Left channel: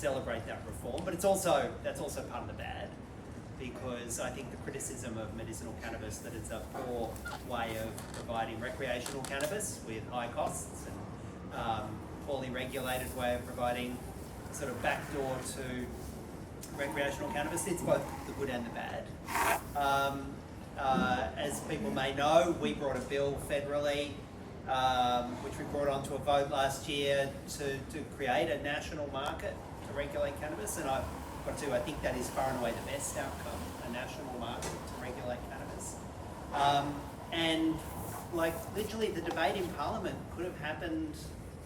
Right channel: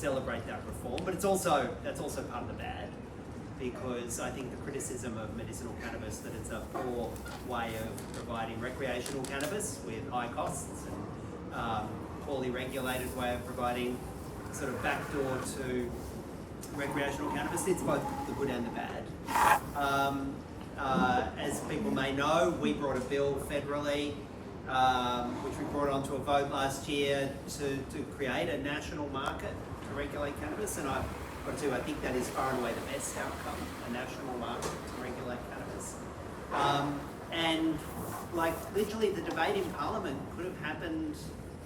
celebrate that reform, but that's also part of the bad, because I think the criticism of medicinal cannabis that it's a poor way of providing recreational cannabis with high costs and poorly regulated way of providing sort of backdoor to recreational cannabis. It's both the good and the bad. As people may know, we brought a bill federally, which we brought onto a vote last year to create a national market to regulate cannabis, and I've got to, I think that is far and away the best outcome, a national market to regulate cannabis. And like literally the debate in Parliament could have happened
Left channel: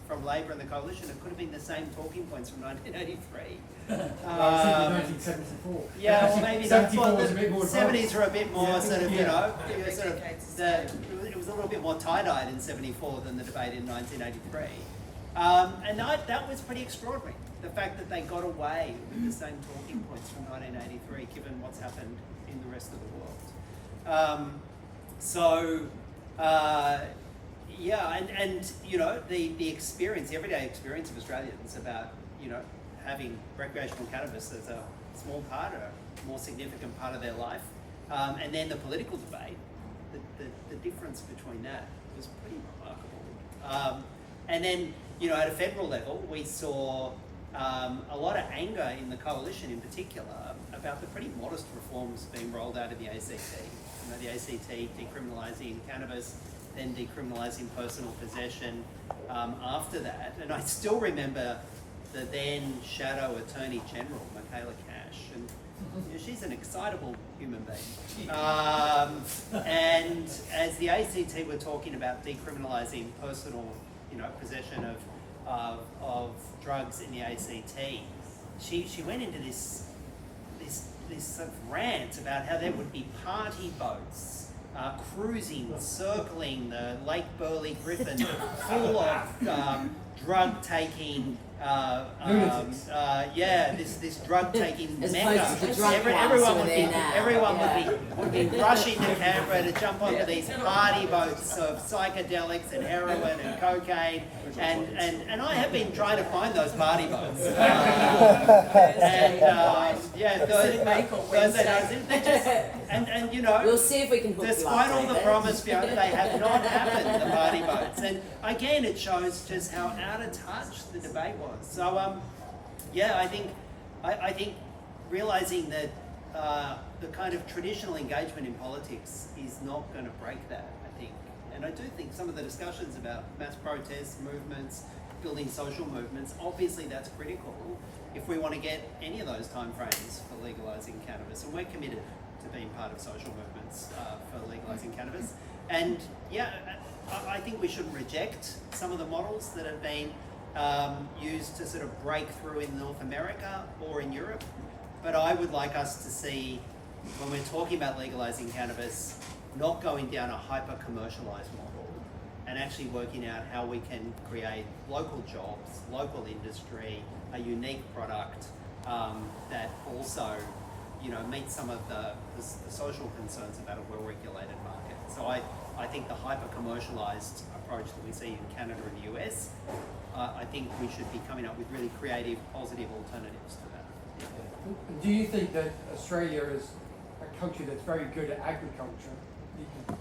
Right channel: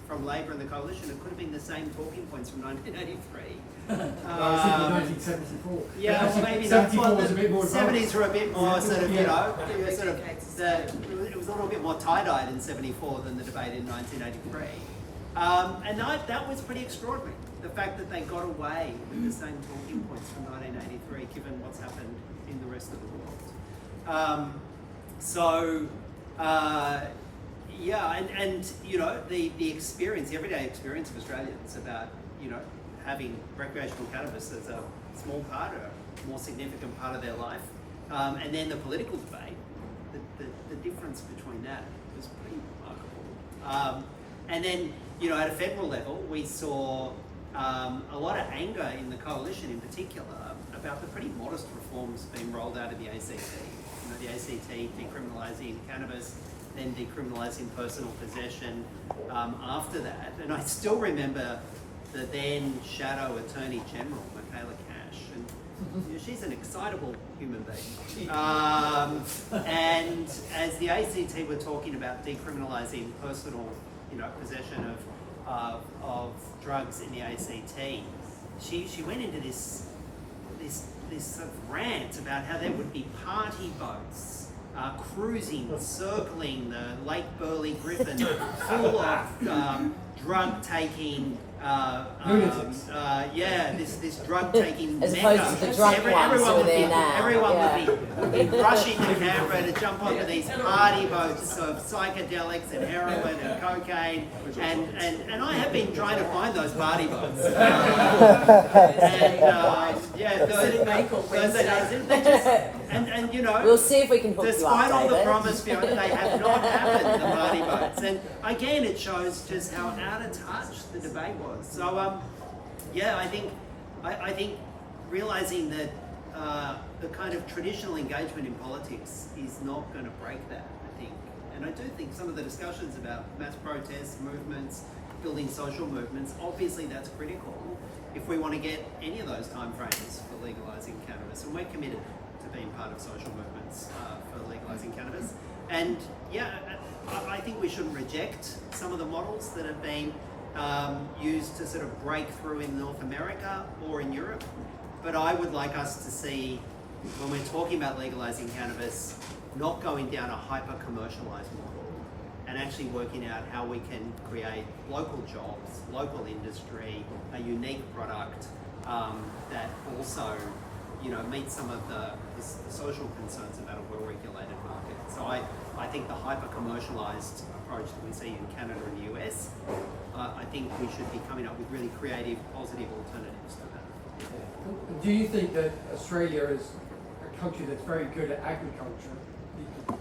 from Labor and the Coalition. It could have been the same talking points from 1983. 1974. Yeah, well maybe not. Well, the 70s were a bit more sort of, you know, it was a little bit more tie-dyed in 74 than the debate in 1983. And that was pretty extraordinary. The fact that they got away with the same talking points from 1983, given what's happened in the rest of the world. Yeah, and you know, the experience, the everyday experience of Australians about, you know, having recreational cannabis as a small part or a more significant part of their life, and then the political debate, the difference between that was pretty remarkable. And then, you know, at a federal level, we saw a lot of anger in the Coalition in particular about the pretty modest reforms being rolled out of the ACT. You know, the ACT decriminalising cannabis, then decriminalising personal possession after that. And I still remember the then Shadow Attorney General, Michaela Cash, and you know, she's an excitable human being. And as the ACT were talking about decriminalising personal, you know, possession of drugs in the ACT, she went into this sort of rant about how there would be party boats cruising, circling the Lake Burley Griffin, full of drug-taking, this drug-taking as mecca. opposed to the drunk ones who are there now. Everyone would be rushing to Canberra to jump onto these party boats of psychedelics and heroin and cocaine, and I have been trying to find those party boats. And you know, we'll see if we can hook you up, despite all the David. promise, they have not happened, the party boats. And again, it shows just how out of touch the debate was. So, I think realising that the kind of traditional engagement in politics is not going to break that, I think. And I do think some of the discussions about mass protests, movements, building social movements, obviously that's critical if we want to get any of those timeframes for legalising cannabis. And we're committed to being part of social movements for legalising cannabis. And yeah, I think we shouldn't reject some of the models that have been used to sort of break through in North America or in Europe. But I would like us to see, when we're talking about legalising cannabis, not going down a hyper-commercialised model and actually working out how we can create local jobs, local industry, a unique product that also, you know, meets some of the social concerns about a well-regulated market. So I think the hyper-commercialised approach that we see in Canada and the US, I think we should be coming up with really creative, positive alternatives to that. Do you think that Australia is a country that's very good at agriculture? You could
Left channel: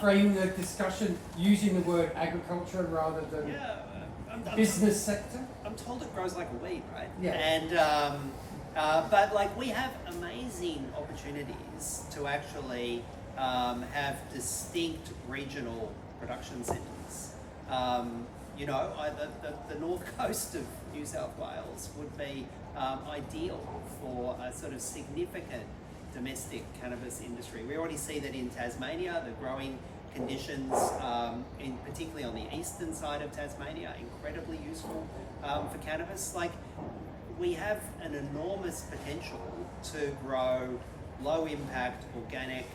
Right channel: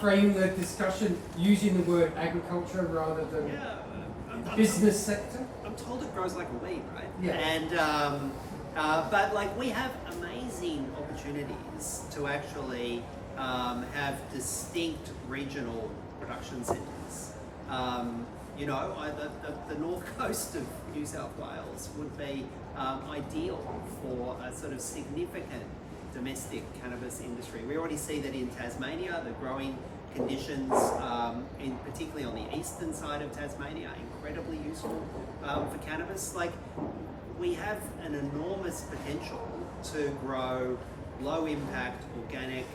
frame the discussion using the word agriculture rather than business sector? I'm told it grows like a weed, right? Yeah. And but like we have amazing opportunities to actually have distinct regional production centres. You know, the north coast of New South Wales would be ideal for a sort of significant domestic cannabis industry. We already see that in Tasmania, the growing conditions, particularly on the eastern side of Tasmania, are incredibly useful for cannabis. Like, we have an enormous potential to grow low impact, organic,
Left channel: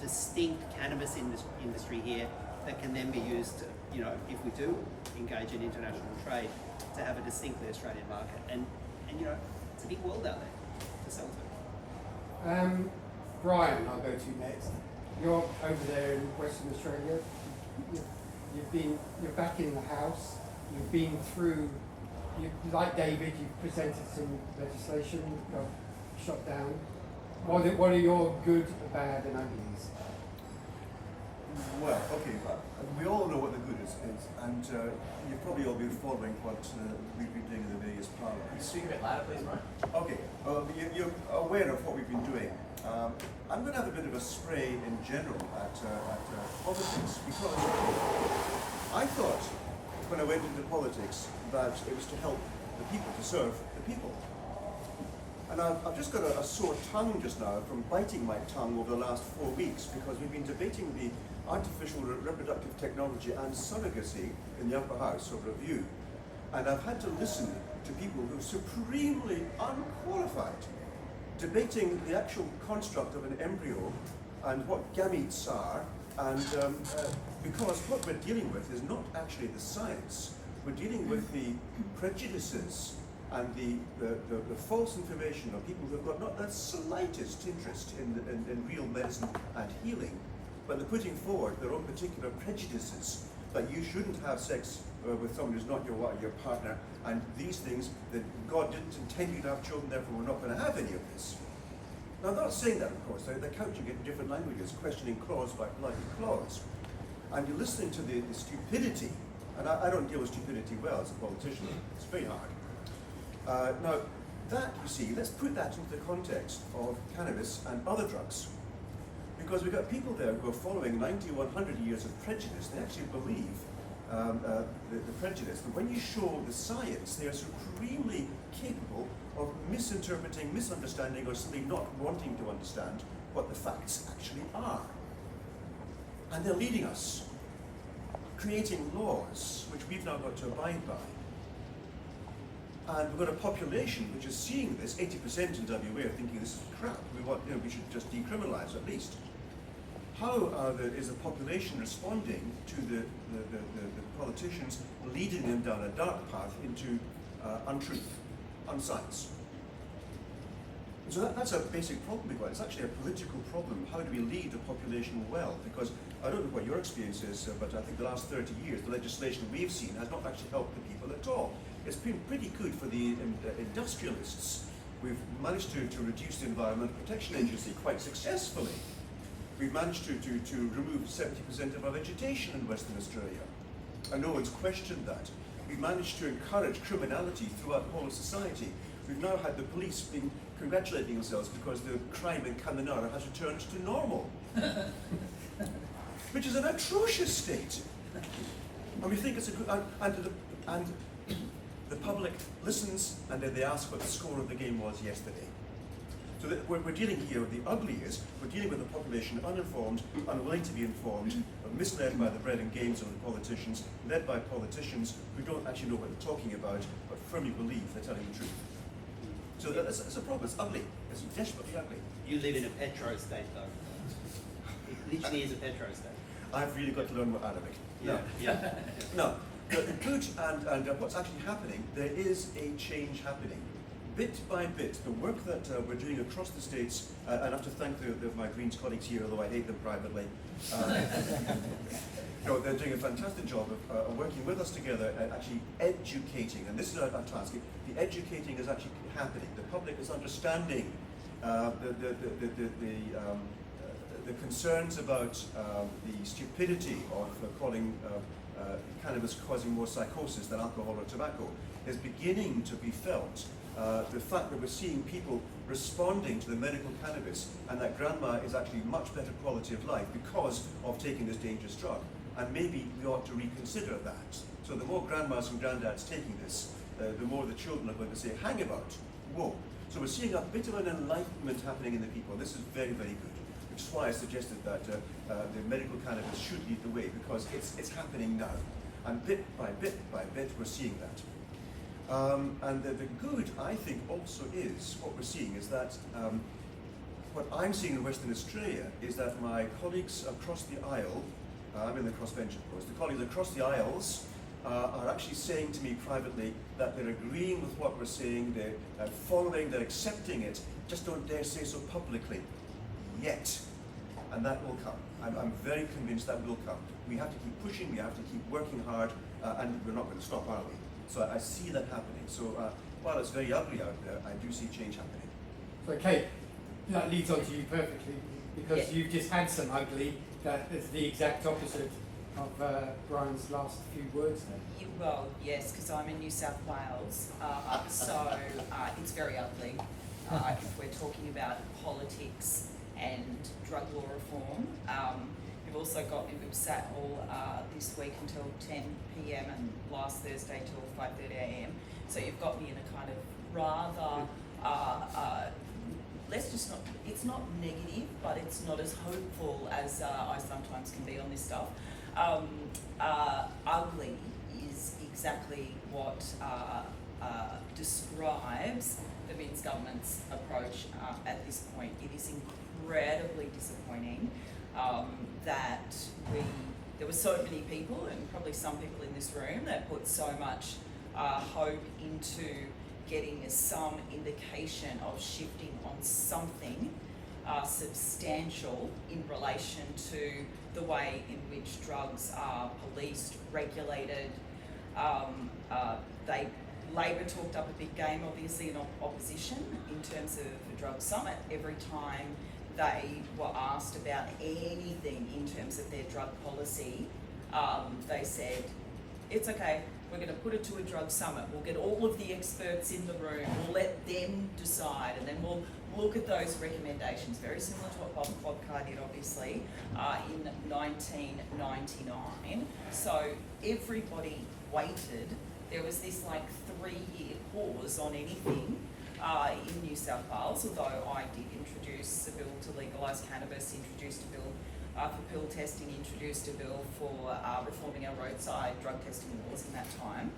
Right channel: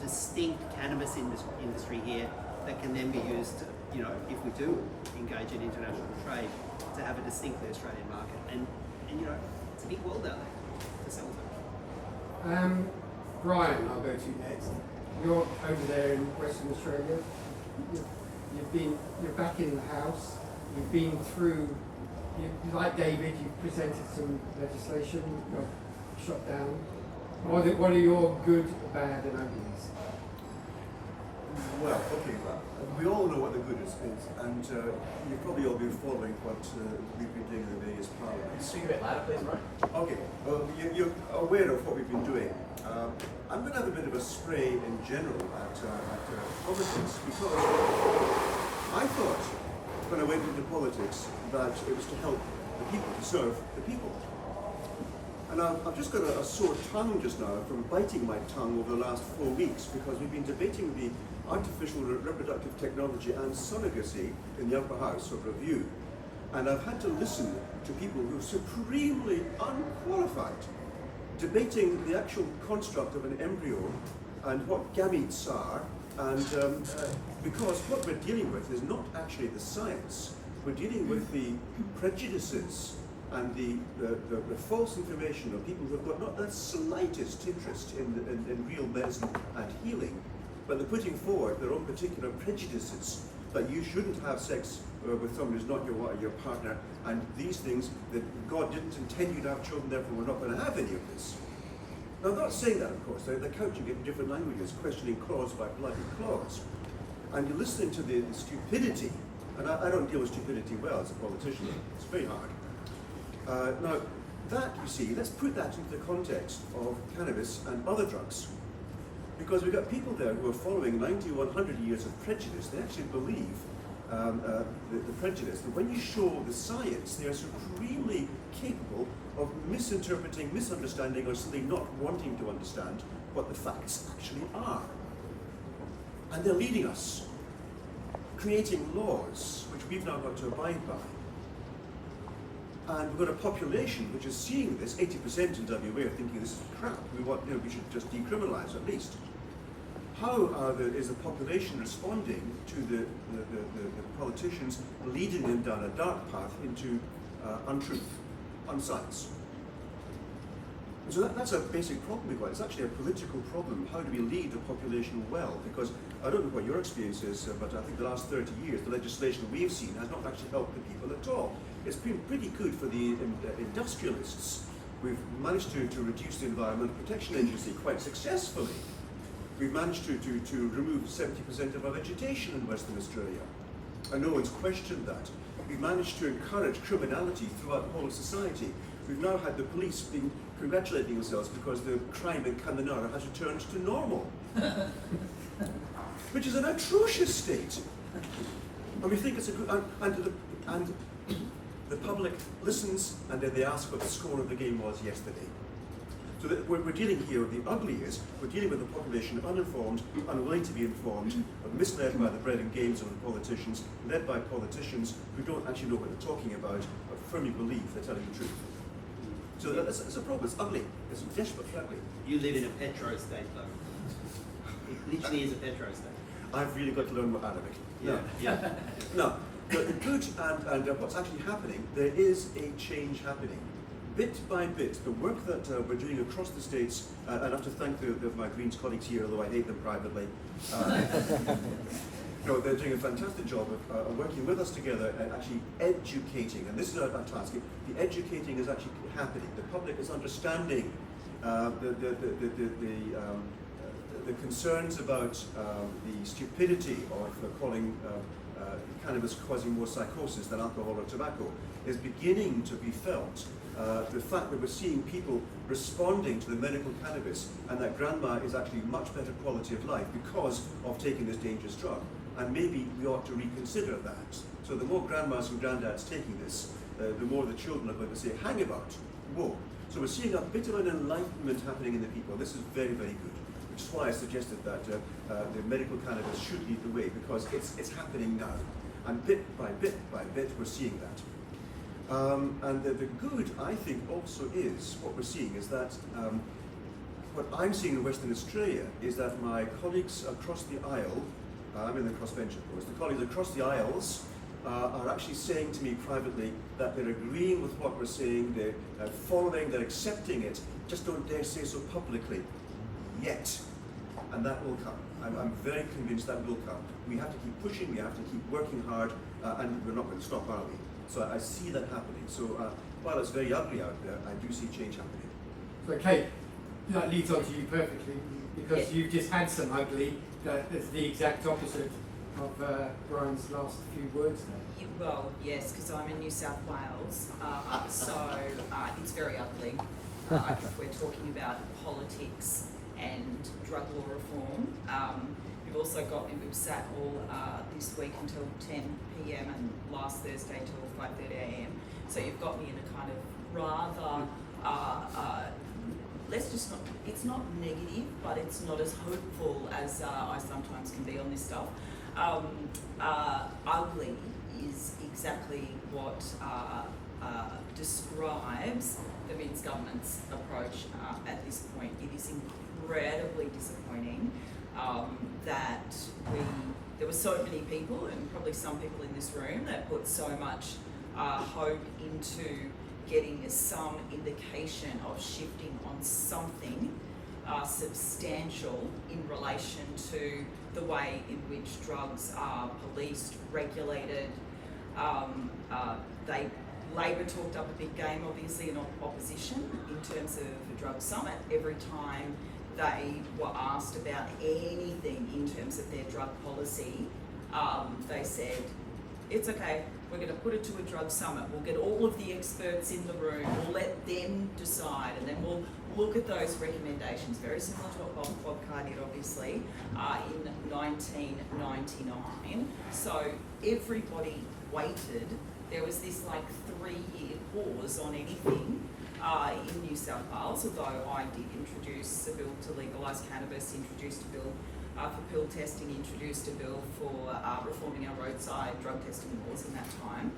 distinct cannabis industry here that can then be used to, you know, if we do engage in international trade, to have a distinctly Australian market. And you know, it's a big world out there to sell to. Brian, I'll go to you next. You're over there in Western Australia. You're back in the house. You've been through like David, you presented some legislation, got shot down. What are your good, bad, and uglies? Well, okay, we all know what the good is, and you've probably all been following what we've been doing in the various parliaments. Speak a bit louder, please, Ryan. Okay, you're aware of what we've been doing. I'm going to have a bit of a spray in general at politics, because I thought when I went into politics that it was to help the people, to serve the people. And I've just got a sore tongue just now from biting my tongue over the last 4 weeks, because we've been debating the artificial reproductive technology and surrogacy in the upper house of review. And I've had to listen to people who are supremely unqualified, debating the actual construct of an embryo and what gametes are, and because what we're dealing with is not actually the science, we're dealing with the prejudices and the false information of people who've got not the slightest interest in real medicine and healing, but they're putting forward their own particular prejudices that you shouldn't have sex with someone who's not your partner, and these things, that God didn't intend you to have children, therefore we're not going to have any of this. Now, I'm not saying that, of course. They're couching it in different languages, questioning clause by bloody clause. And you're listening to the stupidity, and I don't deal with stupidity well as a politician. It's very hard. Now, that, you see, let's put that into the context of cannabis and other drugs. Because we've got people there who are following 90, 100 years of prejudice. They actually believe the prejudice. But when you show the science, they are supremely capable of misinterpreting, misunderstanding, or simply not wanting to understand what the facts actually are. And they're leading us, creating laws which we've now got to abide by. And we've got a population which is seeing this. 80% in WA are thinking this is crap. We should just decriminalise at least. How is the population responding to the politicians leading them down a dark path into untruth, unscience? And so that's a basic problem we've got. It's actually a political problem. How do we lead the population well? Because I don't know what your experience is, but I think the last 30 years, the legislation we've seen has not actually helped the people at all. It's been pretty good for the industrialists. We've managed to reduce the Environmental Protection Agency quite successfully. We've managed to remove 70% of our vegetation in Western Australia, and no one's questioned that. We've managed to encourage criminality throughout the whole of society. We've now had the police being congratulating themselves because the crime in Kaminara has returned to normal, which is an atrocious state. And we think it's a good, and the public listens, and then they ask what the score of the game was yesterday. So that we're dealing here with the ugly is, we're dealing with a population uninformed, unwilling to be informed, misled by the bread and games of the politicians, led by politicians who don't actually know what they're talking about, but firmly believe they're telling the truth. So that's a problem. It's ugly. It's desperately ugly. You live in a petro state, though. It literally is a petro state. I've really got to learn more Arabic. Yeah. No, the good and what's actually happening, there is a change happening. Bit by bit, the work that we're doing across the states, and I have to thank my Greens colleagues here, although I hate them privately. No, they're doing a fantastic job of working with us together and actually educating, and this is our task. The educating is actually happening. The public is understanding the concerns about the stupidity of calling cannabis causing more psychosis than alcohol or tobacco is beginning to be felt. The fact that we're seeing people responding to the medical cannabis, and that grandma is actually much better quality of life because of taking this dangerous drug. And maybe we ought to reconsider that. So the more grandmas and granddads taking this, the more the children are going to say, hang about, whoa. So we're seeing a bit of an enlightenment happening in the people. This is very, very good. Which is why I suggested that the medical cannabis should lead the way, because it's happening now. And bit by bit, we're seeing that. And the good, I think, also is, what we're seeing is that, what I'm seeing in Western Australia is that my colleagues across the aisle, I'm in the crossbench of course, the colleagues across the aisles are actually saying to me privately that they're agreeing with what we're saying, they're following, they're accepting it, just don't dare say so publicly yet. And that will come. I'm very convinced that will come. We have to keep pushing, we have to keep working hard, and we're not going to stop, are we? So I see that happening. So while it's very ugly out there, I do see change happening. So Kate, that leads on to you perfectly, because you've just had some ugly that is the exact opposite of Brian's last few words there. Well, yes, because I'm in New South Wales, so it's very ugly. If we're talking about politics and drug law reform, you've also got me, we've sat all this week until 10 p.m. and last Thursday till 5:30 a.m. So you've got me in a kind of rather, it's not negative, but it's not as hopeful as I sometimes can be on this stuff. Ugly is exactly what describes the Vince government's approach at this point. It is incredibly disappointing that there were so many people, and probably some people in this room, that put so much hope into getting some indication of shifting on something substantial in relation to the way in which drugs are policed, regulated. Labor talked up a big game, obviously, in opposition in terms of the drug summit. Every time they were asked about anything in terms of their drug policy, they said, it's okay, we're going to put it to a drug summit. We'll get all of the experts in the room. We'll let them decide, and then we'll look at those recommendations. Very similar to what Bob Podcast did, obviously, in 1999. So everybody waited. There was this like 3-year pause on anything in New South Wales, although I did introduce a bill to legalise cannabis, introduced a bill for pill testing, introduced a bill for reforming our roadside drug testing laws in that time.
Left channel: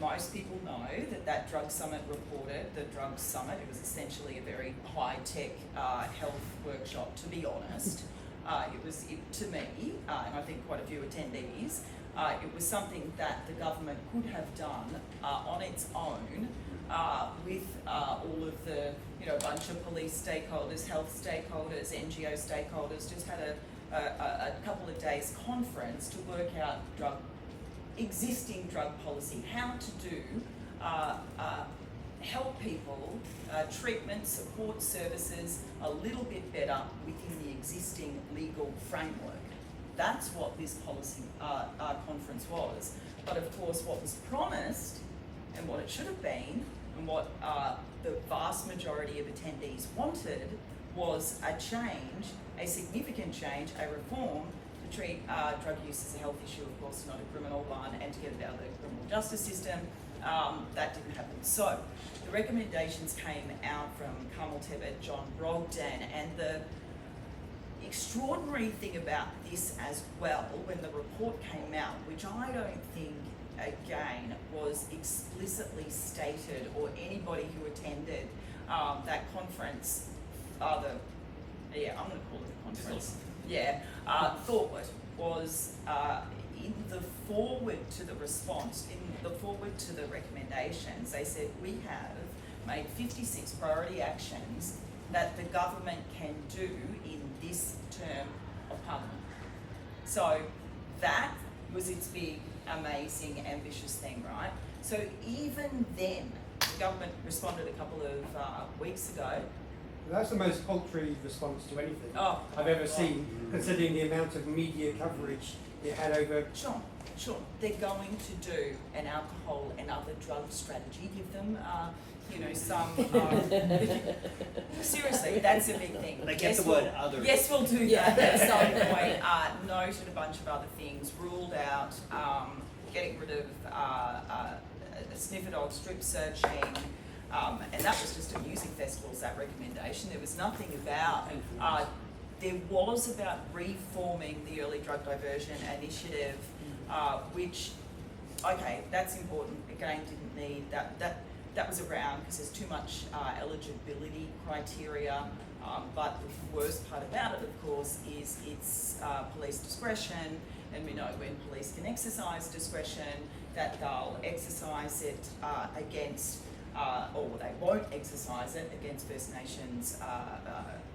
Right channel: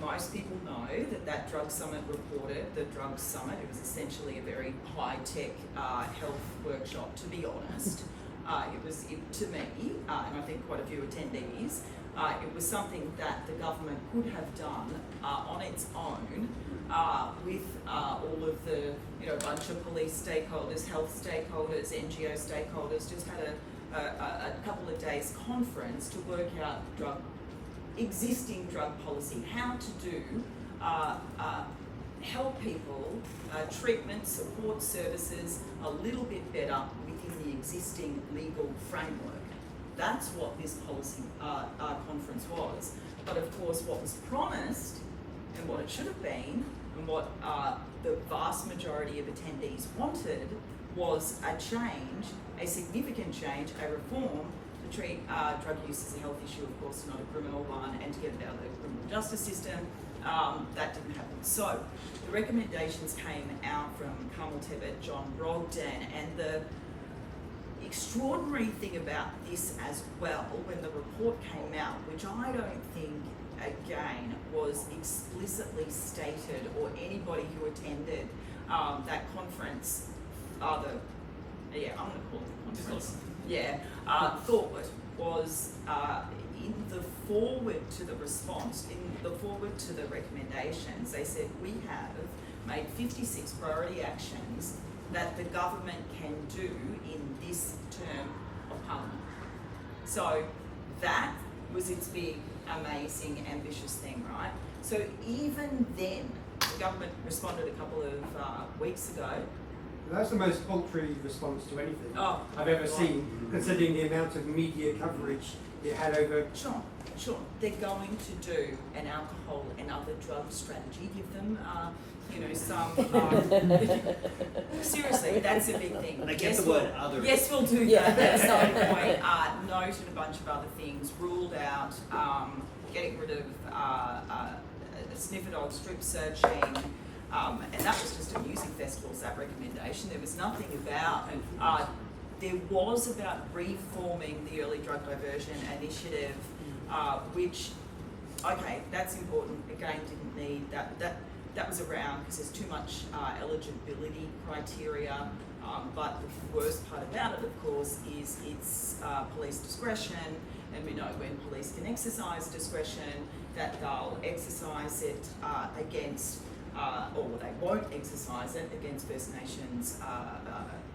Most people know that drug summit reported, the drug summit, it was essentially a very high-tech health workshop, to be honest. To me, and I think quite a few attendees, it was something that the government could have done on its own with all of the, bunch of police stakeholders, health stakeholders, NGO stakeholders, just had a couple of days conference to work out existing drug policy, how to do, help people, treatment, support services a little bit better within the existing legal framework. That's what this policy conference was. But of course, what was promised and what it should have been, and what the vast majority of attendees wanted, was a change, a significant change, a reform to treat drug use as a health issue, of course, not a criminal one, and to get it out of the criminal justice system. That didn't happen. So the recommendations came out from Carmel Tebet, John Brogden, and the extraordinary thing about this as well, when the report came out, which I don't think, again, was explicitly stated, or anybody who attended that conference, I'm going to call it the conference, thought was in the forward to the response, in the forward to the recommendations, they said, we have made 56 priority actions that the government can do in this term of Parliament. So that was its big, amazing, ambitious thing, right? So even then, the government responded a couple of weeks ago. That's the most paltry response to anything I've ever right. seen, considering the amount of media coverage it had over. Sure. They're going to do an alcohol and other drug strategy. Give them, some. Seriously, that's a big thing. And they get the word other. Yes, we'll do that. That's not the point. Noted a bunch of other things. Ruled out getting rid of sniffer dog strip searching. And that was just at music festivals, that recommendation. There was nothing about, there was about reforming the early drug diversion initiative, which, okay, that's important. Again, didn't need that was around because there's too much eligibility criteria. But the worst part about it, of course, is it's police discretion, and we know when police can exercise discretion, that they'll exercise it against. Or they won't exercise it against First Nations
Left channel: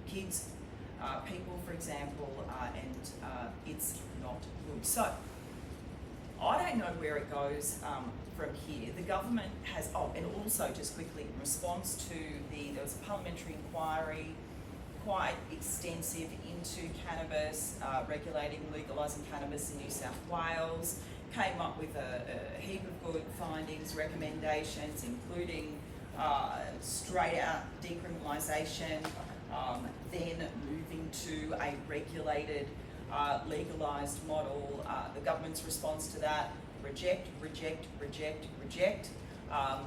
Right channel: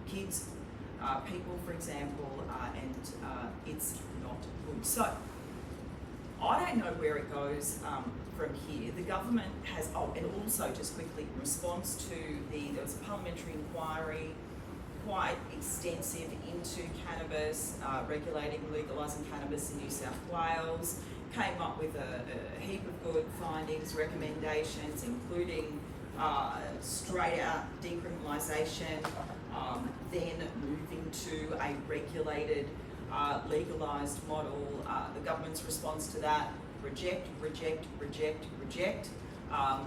kids, people, for example, and it's not good. So I don't know where it goes from here. The government has, and also just quickly, in response to there was a parliamentary inquiry, quite extensive into cannabis, regulating, legalising cannabis in New South Wales, came up with a heap of good findings, recommendations, including straight out decriminalisation, then moving to a regulated, legalised model. The government's response to that, reject.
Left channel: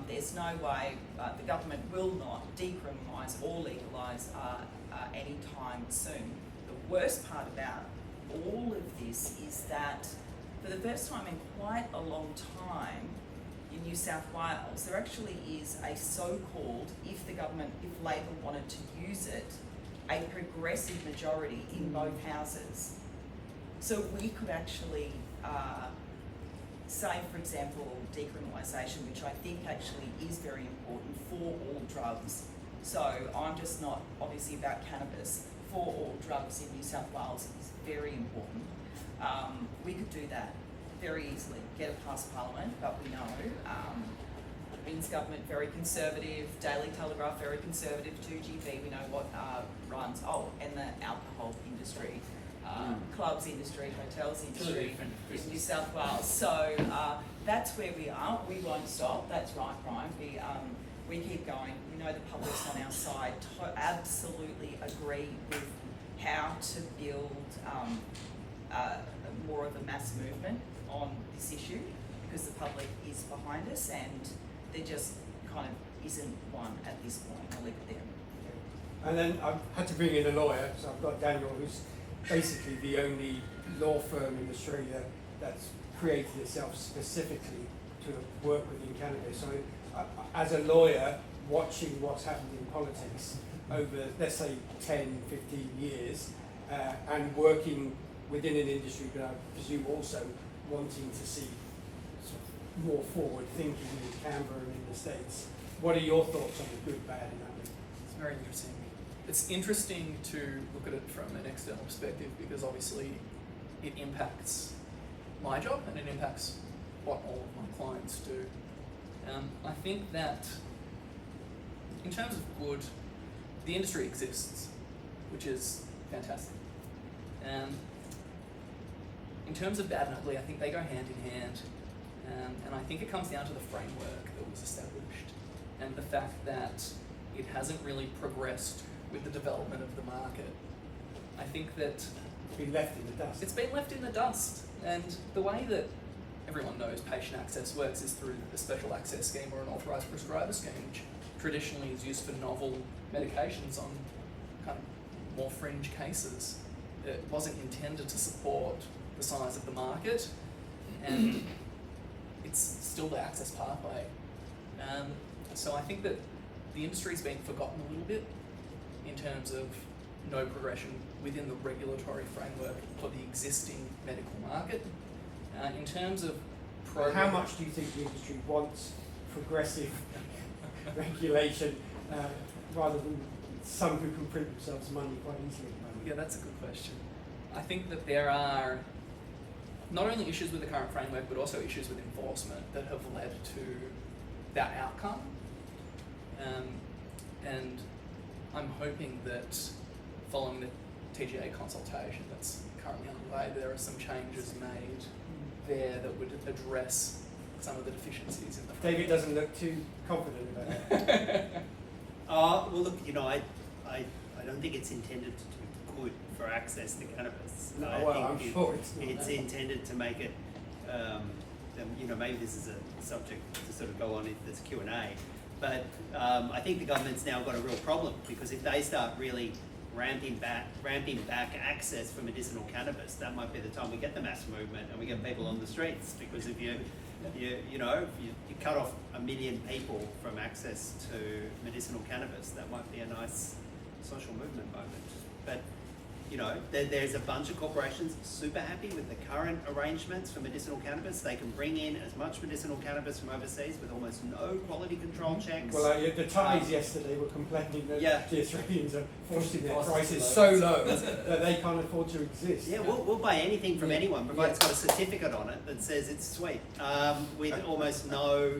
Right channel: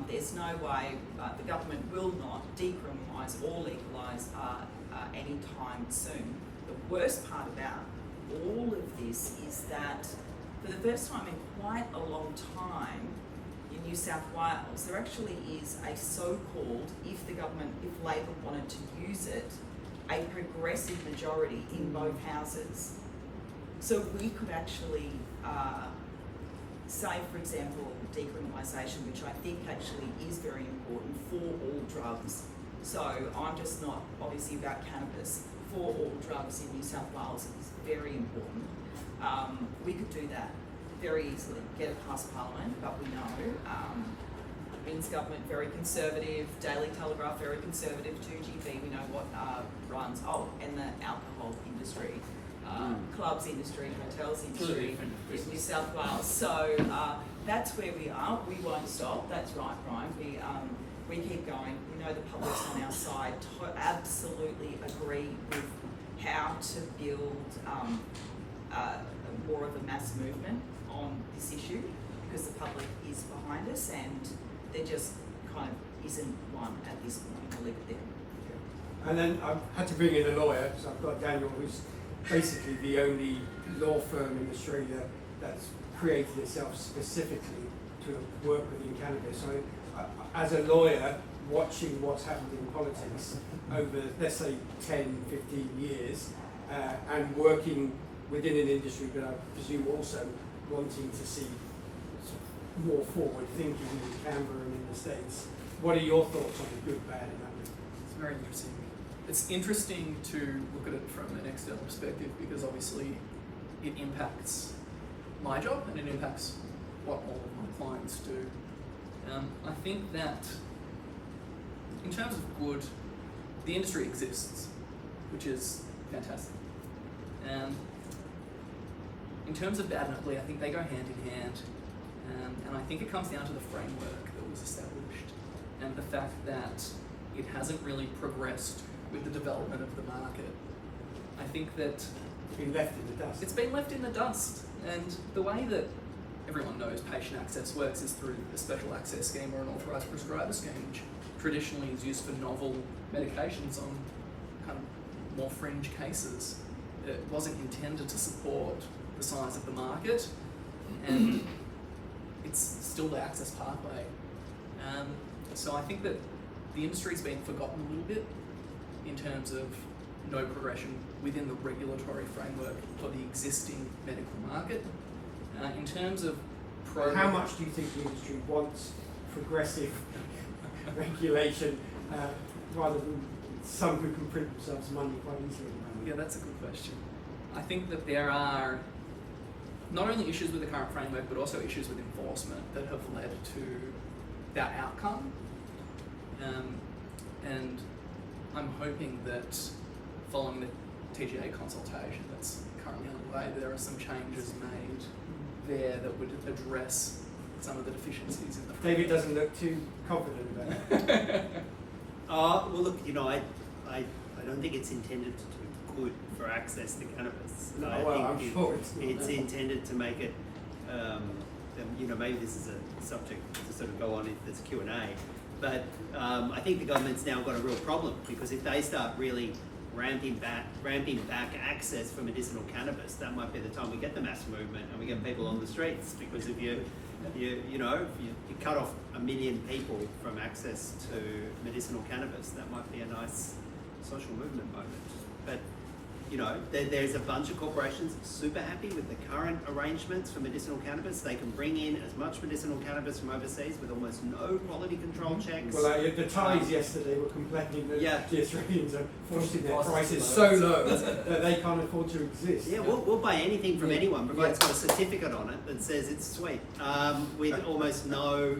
There's no way the government will not decriminalise or legalise anytime soon. The worst part about all of this is that for the first time in quite a long time in New South Wales, there actually is a so-called, if Labor wanted to use it, a progressive majority in both houses. So we could actually say, for example, decriminalisation, which I think actually is very important for all drugs. So I'm just not obviously about cannabis. For all drugs in New South Wales is very important. We could do that very easily, get it past Parliament, but we know Vin's government very conservative, Daily Telegraph very conservative, 2GB, we know what runs, and the alcohol industry, clubs industry, hotels industry in New South Wales. So that's where we are. We won't stop. That's right, Brian. We keep going. We know the public's on our side. Absolutely agree with how to build more of a mass movement on this issue, because the public is behind us and there just kind of isn't one at this point. I'll leave it there. And then I had to bring in a lawyer, so I've got Daniel, who's basically the only law firm in Australia that's created itself specifically to work within cannabis. So as a lawyer, watching what's happened in politics over, let's say, 10, 15 years, and working within an industry, but I presume also wanting to see sort of more forward thinking in Canberra and in the States. What are your thoughts on the good, bad, and ugly? It's very interesting. It's interesting to look at it from an external perspective, because obviously it impacts my job and it impacts what all of my clients do. I think that in terms of good, the industry exists, which is fantastic. In terms of bad and ugly, I think they go hand in hand, and I think it comes down to the framework that was established and the fact that it hasn't really progressed with the development of the market. I think that It's been left in the dust. it's been left in the dust, and the way that everyone knows patient access works is through the special access scheme or an authorised prescriber scheme, which traditionally is used for novel medications on kind of more fringe cases. It wasn't intended to support the size of the market, and it's still the access pathway. So I think that the industry's been forgotten a little bit in terms of no progression within the regulatory framework for the existing medical market. In terms of How much do you think the industry wants progressive regulation rather than some who can print themselves money quite easily? Yeah, that's a good question. I think that there are not only issues with the current framework, but also issues with enforcement that have led to that outcome. And I'm hoping that following the TGA consultation that's currently underway, there are some changes made there that would address some of the deficiencies in the framework. David doesn't look too confident about it. Well, look, I don't think it's intended to do good for access to cannabis. No, I well, I'm think sure it's not. It's intended to make it, maybe this is a subject to sort of go on if there's Q&A, but I think the government's now got a real problem, because if they start really ramping back access for medicinal cannabis, that might be the time we get the mass movement and we get people on the streets. Because if you cut off 1 million people from access to medicinal cannabis, that might be a nice social movement moment. But you know, there's a bunch of corporations super happy with the current arrangements for medicinal cannabis. They can bring in as much medicinal cannabis from overseas with almost no quality control checks. Well, the Thais yesterday were complaining that Yeah. the Australians are forcing their prices so low that they can't afford to exist. Yeah, we'll buy anything from anyone, provided it's got a certificate on it that says it's sweet, with almost no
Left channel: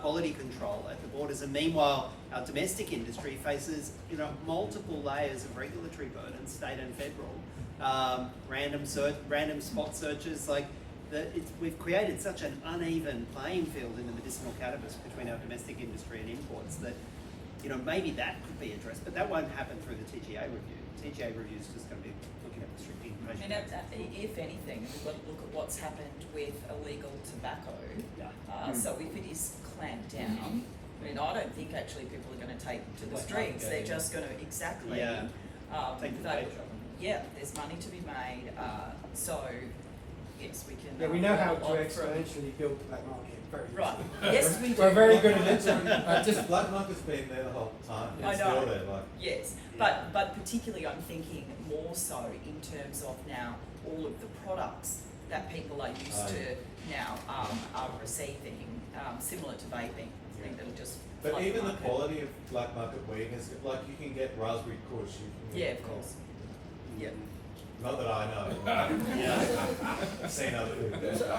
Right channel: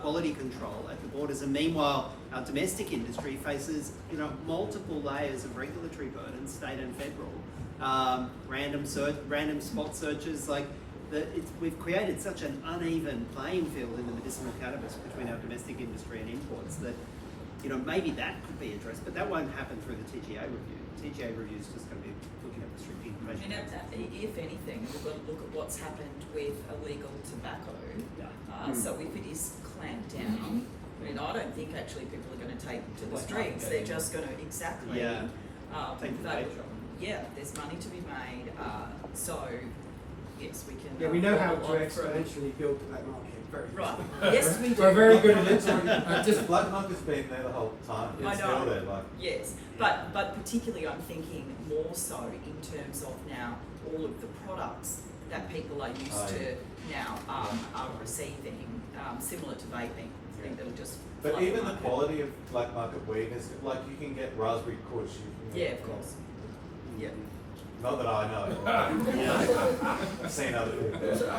quality control at the borders. And meanwhile, our domestic industry faces, you know, multiple layers of regulatory burden, state and federal, random spot searches. Like, we've created such an uneven playing field in the medicinal cannabis between our domestic industry and imports that, you know, maybe that could be addressed, but that won't happen through the TGA review. TGA review is just going to be looking at restricting patient access. If anything, we've got to look at what's happened with illegal tobacco. So if it is clamped down, I mean, I don't think actually people are going to take to the streets. They're just going to Take the bait shop. there's money to be made. So yes, we can. Yeah, we know how to exponentially build the black market. Very Right. good. Yes, we do. We're very good at it. Just black market's been there the whole time. It's I know. still there, like. Yes, but particularly I'm thinking more so in terms of now all of the products that people are used to now are receiving, similar to vaping. I think that'll just. But flood even the market. quality of black market weed is like you can get raspberry kush. Yeah, of course. Yeah. Not that I know. I've seen other people.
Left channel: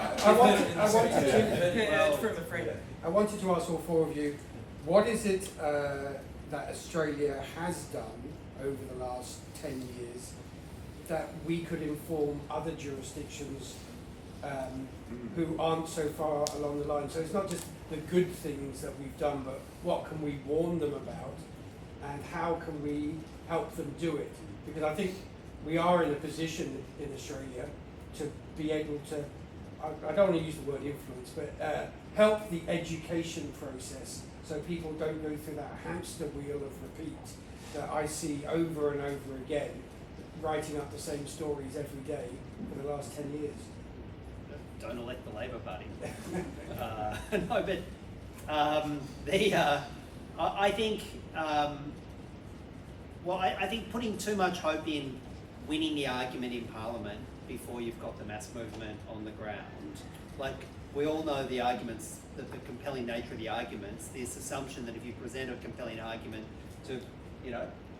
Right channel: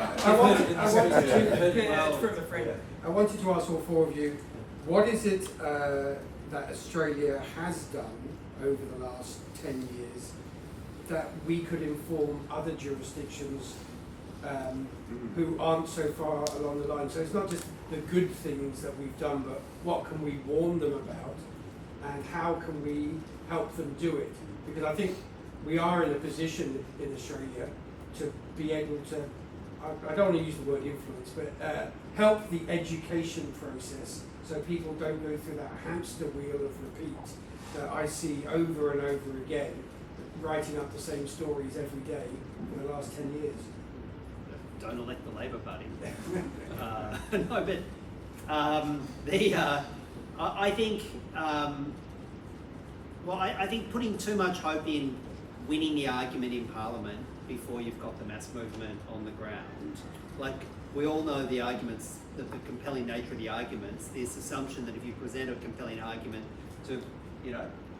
I wanted to ask all four of you, what is it that Australia has done over the last 10 years that we could inform other jurisdictions who aren't so far along the line? So it's not just the good things that we've done, but what can we warn them about and how can we help them do it? Because I think we are in a position in Australia to be able to, I don't want to use the word influence, but help the education process so people don't go through that hamster wheel of repeat that I see over and over again, writing up the same stories every day for the last 10 years. Don't elect the Labor Party. I think, I think putting too much hope in winning the argument in Parliament before you've got the mass movement on the ground. Like, we all know the arguments, the compelling nature of the arguments, this assumption that if you present a compelling argument to,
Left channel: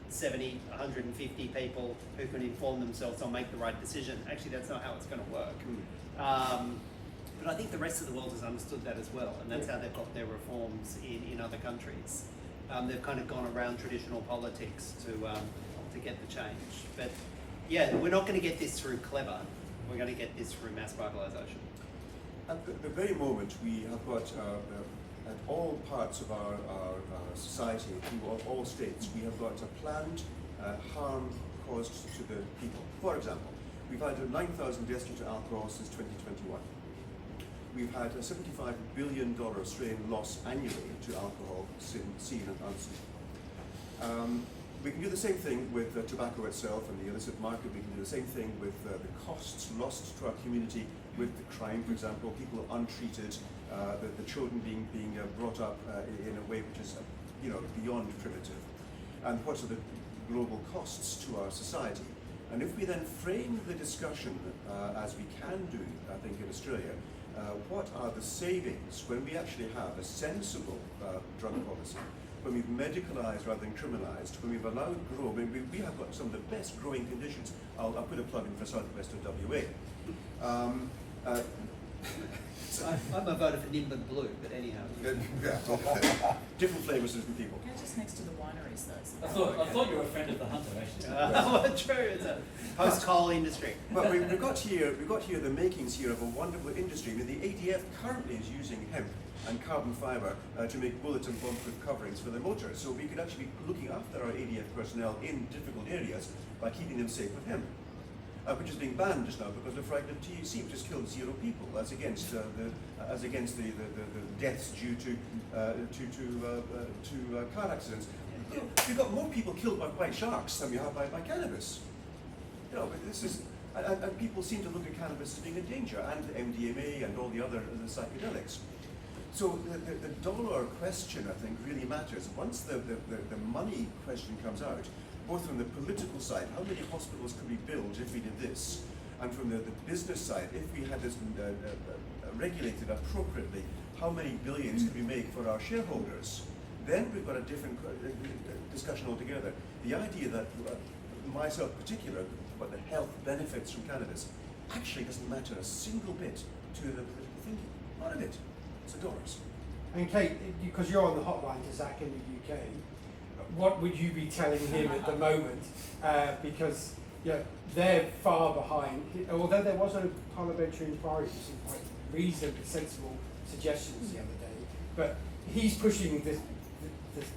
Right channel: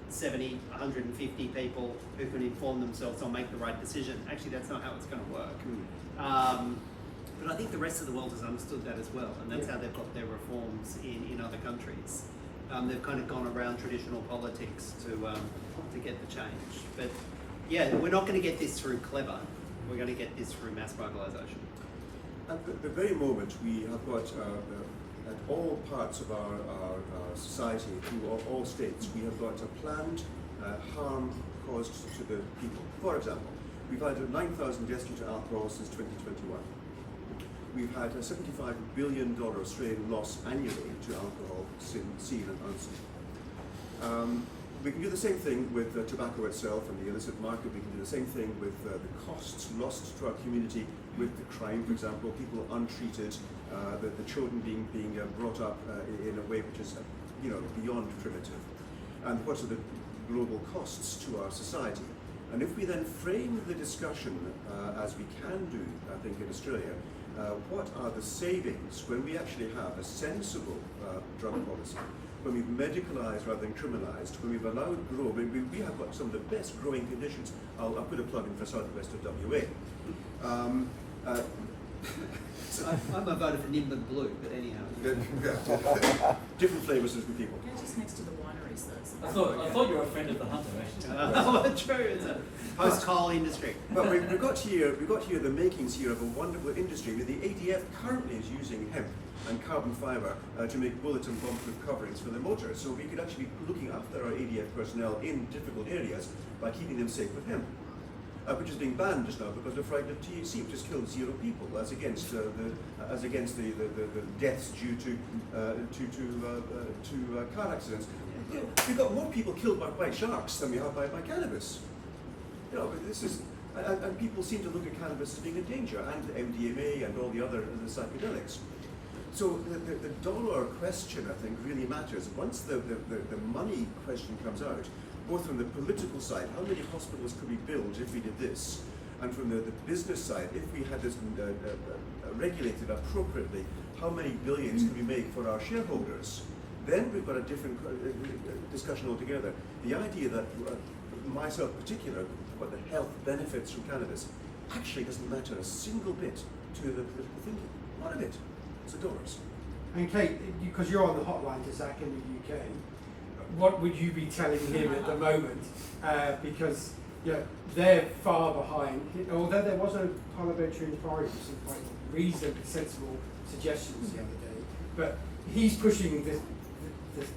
70, 150 people who can inform themselves or make the right decision, actually that's not how it's going to work. But I think the rest of the world has understood that as well, and that's how they've got their reforms in other countries. They've kind of gone around traditional politics to get the change. But yeah, we're not going to get this through clever. We're going to get this through mass mobilisation. At the very moment, we have got, at all parts of our society, through all states, we have got a planned harm caused to the people. For example, we've had 9,000 deaths due to alcohol since 2021. We've had a $75 billion Australian loss annually to alcohol seen and unseen. We can do the same thing with tobacco itself and the illicit market. We can do the same thing with the costs lost to our community with the crime, for example, people untreated, the children being brought up in a way which is beyond primitive. And what are the global costs to our society? And if we then frame the discussion as we can do, I think, in Australia, what are the savings when we actually have a sensible drug policy, when we've medicalised rather than criminalised, when we've allowed grow, we have got some of the best growing conditions. I'll put a plug in for southwest of WA. I'm a voter for Nimbin Blue, but anyhow. Different flavours, different people. They're just next to the wineries, though. I thought you were a friend of the hunter, actually. True, it's a post-coal industry. But we've got here the makings here of a wonderful industry. The ADF currently is using hemp and carbon fibre to make bullet and bomb-proof coverings for the motor. So we could actually be looking after our ADF personnel in difficult areas by keeping them safe with hemp, which is being banned just now because they're frightened of THC, which has killed 0 people, as against the deaths due to car accidents. We've got more people killed by white sharks than we have by cannabis. This is, and people seem to look at cannabis as being a danger, and MDMA and all the other psychedelics. So the dollar question, I think, really matters. Once the money question comes out, both from the political side, how many hospitals could we build if we did this? And from the business side, if we had this regulated appropriately, how many billions can we make for our shareholders? Then we've got a different discussion altogether. The idea that myself in particular, about the health benefits from cannabis, actually doesn't matter a single bit to the political thinking. Not a bit. It's a dollars. And Kate, because you're on the hotline to Zach in the UK, what would you be telling him at the moment? Because they're far behind. Although there was a parliamentary inquiry with some quite reasonably sensible suggestions the other day, but he's pushing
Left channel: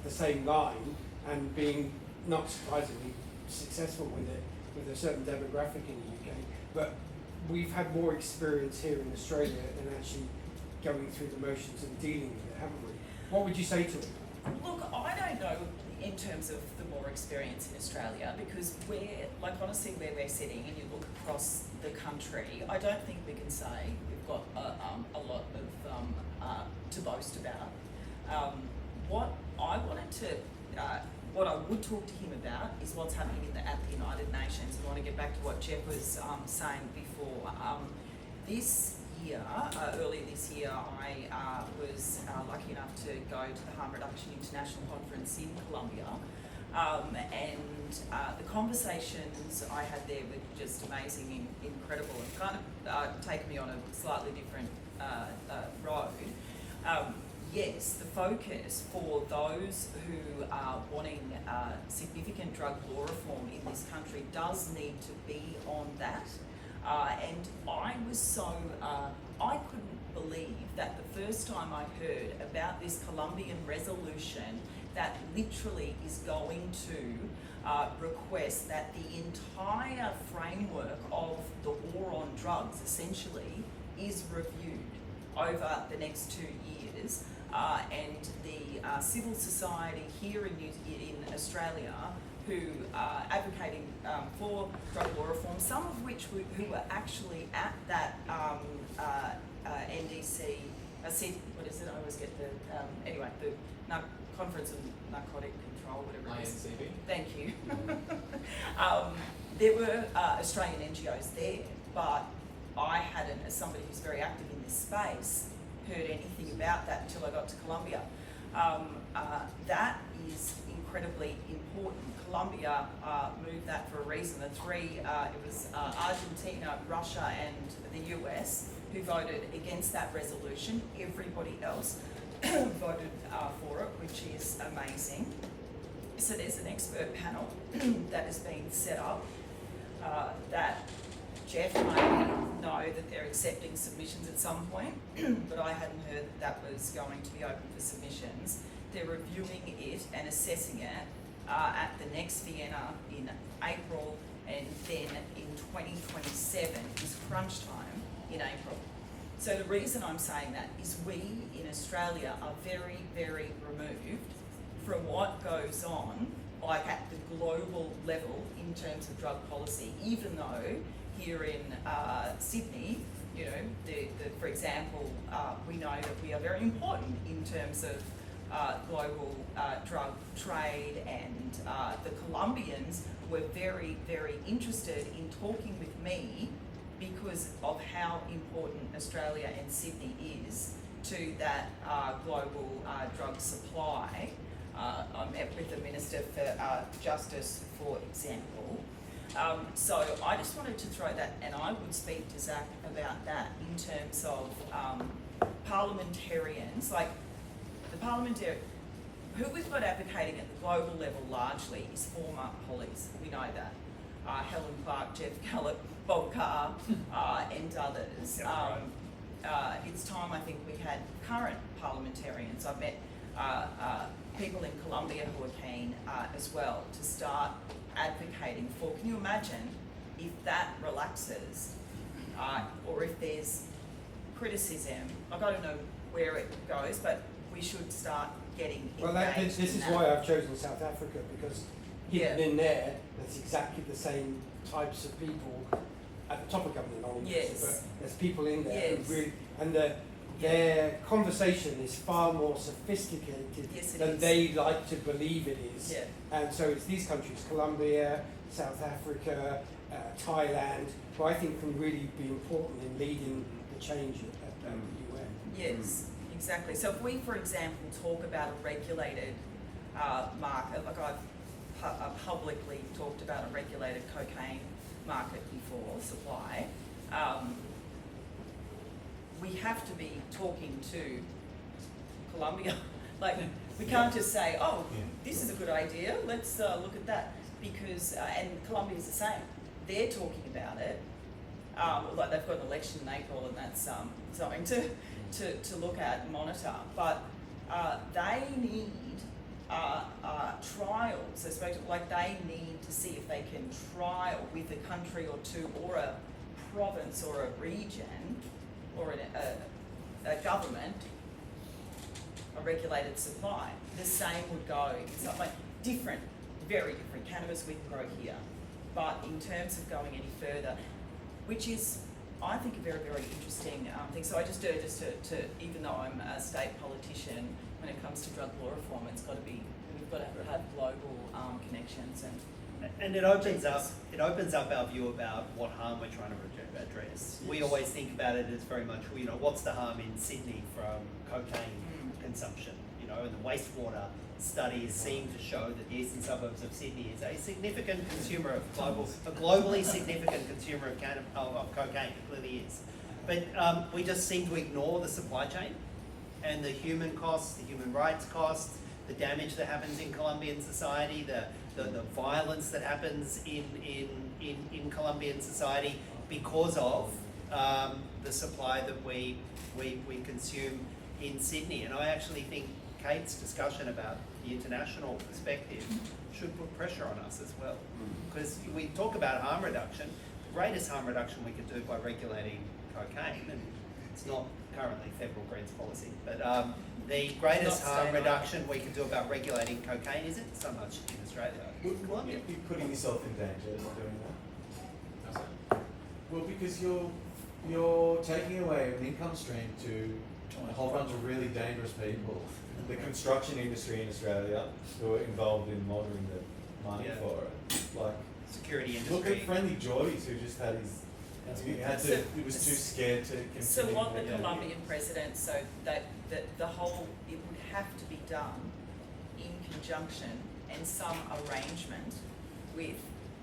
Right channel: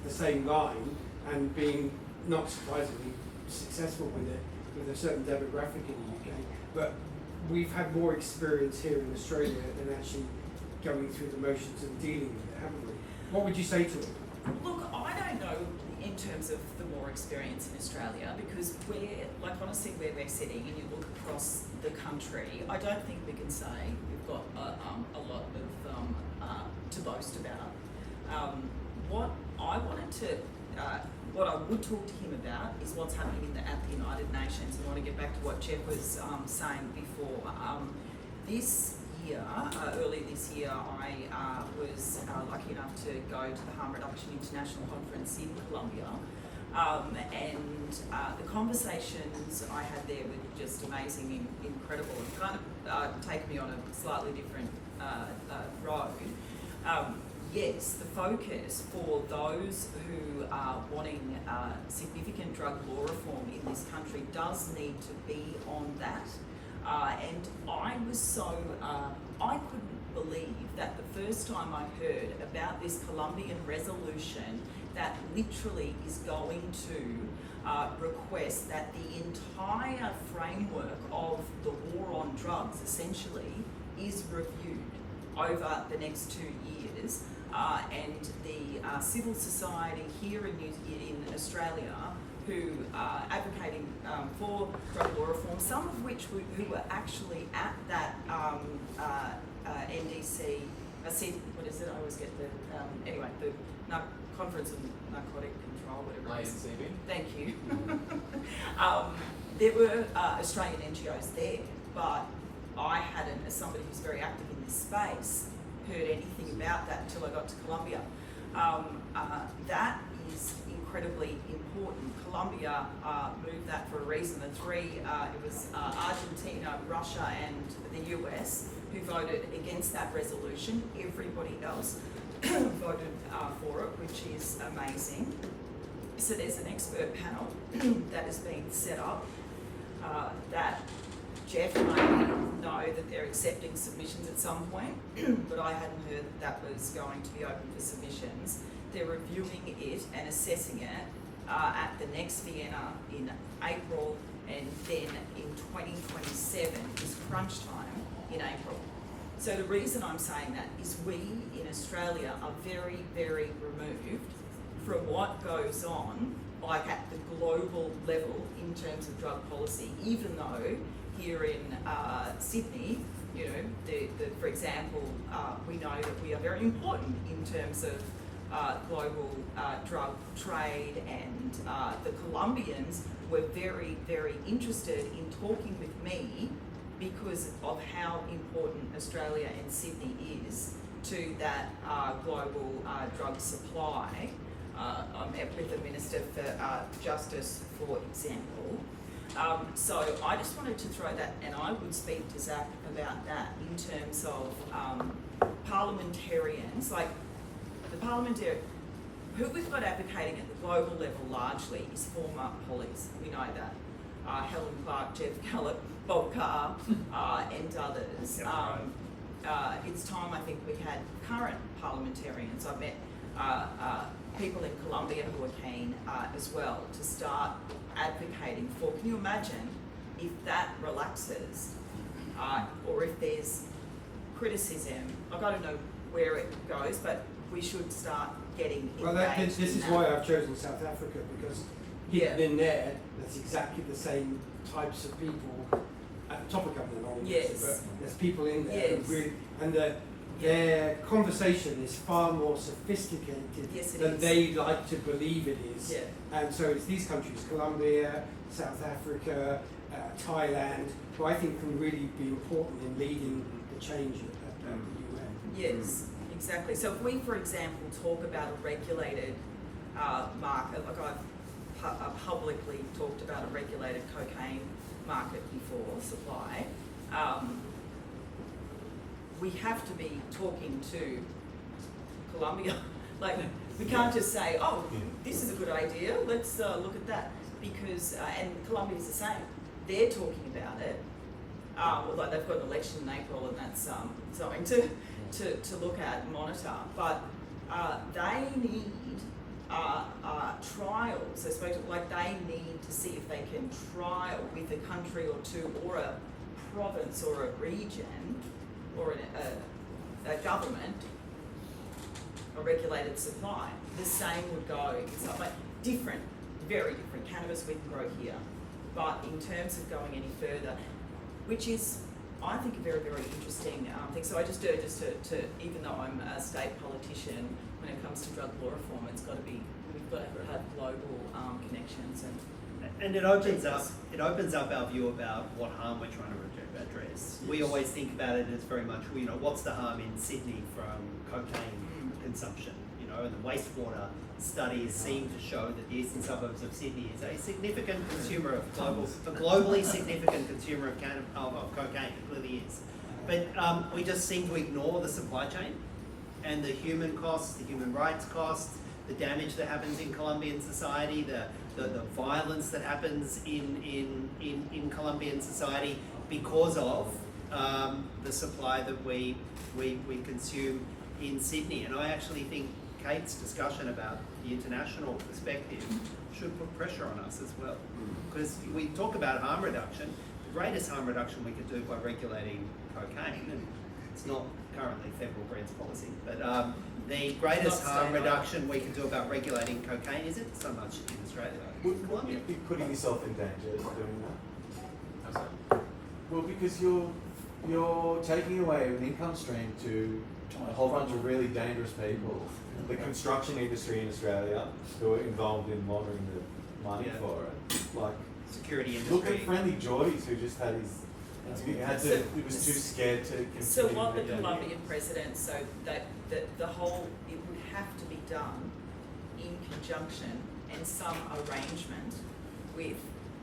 the same line and being not surprisingly successful with it with a certain demographic in the UK. But we've had more experience here in Australia than actually going through the motions and dealing with it, haven't we? What would you say to him? Look, I don't know in terms of the more experience in Australia, because honestly, where we're sitting and you look across the country, I don't think we can say we've got a lot of to boast about. What I would talk to him about is what's happening at the United Nations. I want to get back to what Jeff was saying before. Early this year, I was lucky enough to go to the Harm Reduction International Conference in Colombia. And the conversations I had there were just amazing and incredible, and kind of taken me on a slightly different road. Yes, the focus for those who are wanting significant drug law reform in this country does need to be on that. And I was so, I couldn't believe that the first time I heard about this Colombian resolution that literally is going to request that the entire framework of the war on drugs essentially is reviewed over the next 2 years. And the civil society here in Australia who are advocating for drug law reform, some of which who were actually at that NDC, what is it? I always get the, the Conference on Narcotic Control, whatever it is. INCB. Thank you. There were Australian NGOs there, but I hadn't, as somebody who's very active in this space, heard anything about that until I got to Colombia. That is incredibly important. Colombia moved that for a reason. The three, it was Argentina, Russia and the US who voted against that resolution. Everybody else voted for it, which is amazing. So there's an expert panel that has been set up that Jeff may know that they're accepting submissions at some point, but I hadn't heard that was going to be open for submissions. They're reviewing it and assessing it at the next Vienna in April, and then in 2027 is crunch time in April. So the reason I'm saying that is we in Australia are very, very removed from what goes on, like at the global level in terms of drug policy, even though here in Sydney, for example, we know that we are very important in terms of global drug trade, and the Colombians were very, very interested in talking with me because of how important Australia and Sydney is to that global drug supply. I met with the Minister for Justice, for example. So I just wanted to throw that, and I would speak to Zach about that in terms of parliamentarians, like the parliamentarian, who we've got advocating at the global level largely is former pollies, we know that. Helen Clark, Jeff Gallop, Bob Carr, and others. It's time, I think, we had current parliamentarians. I've met people in Colombia who are keen as well to start advocating for. Can you imagine if that relaxes, or if there's criticism? I've got to know where it goes, but we should start getting engaged. This is why I've chosen South Africa, because hidden in there, there's exactly the same types of people at the top of government, but there's people in there who really, and their conversation is far more sophisticated Yes, it than is. they like to believe it is. Yeah. And so it's these countries, Colombia, South Africa, Thailand, who I think can really be important in leading the change at the UN. Yes, exactly. So if we, for example, talk about a regulated market, like I've publicly talked about a regulated cocaine market before, supply, we have to be talking to Colombia. Like, we can't just say, oh, this is a good idea, let's look at that. Because, and Colombia's the same. They're talking about it. Like they've got an election in April, and that's something to look at and monitor. But they need trials. I suppose, like they need to see if they can trial with a country or two, or a province, or a region, or a government, a regulated supply. The same would go. It's not like different, very different. Cannabis we can grow here, but in terms of going any further, which is, I think, a very, very interesting thing. So I just to even though I'm a state politician, when it comes to drug law reform, it's got to be, we've got to have global connections and it opens up our view about what harm we're trying to address. We always think about it as very much, you know, what's the harm in Sydney from cocaine consumption, you know, and the wastewater studies seem to show that the eastern suburbs of Sydney is a significant consumer of a globally significant consumer of cocaine. It clearly is. But we just seem to ignore the supply chain and the human costs, the human rights costs, the damage that happens in Colombian society, the violence that happens in Colombian society because of the supply that we consume in Sydney. And I actually think Cate's discussion about the international perspective should put pressure on us as well. Because we talk about harm reduction, the greatest harm reduction we could do by regulating cocaine, and it's not currently federal Greens policy, but the greatest harm reduction we can do about regulating cocaine isn't so much in Australia. Wouldn't you be putting yourself in danger doing that? Well, because you're taking away an income stream to a whole bunch of really dangerous people. The construction industry in Australia who are involved in laundering the money for it. Like, security industry. look at Friendly Joyce, who just had his. He was too scared to continue. So what the Colombian president, so that the whole, it would have to be done in conjunction and some arrangement with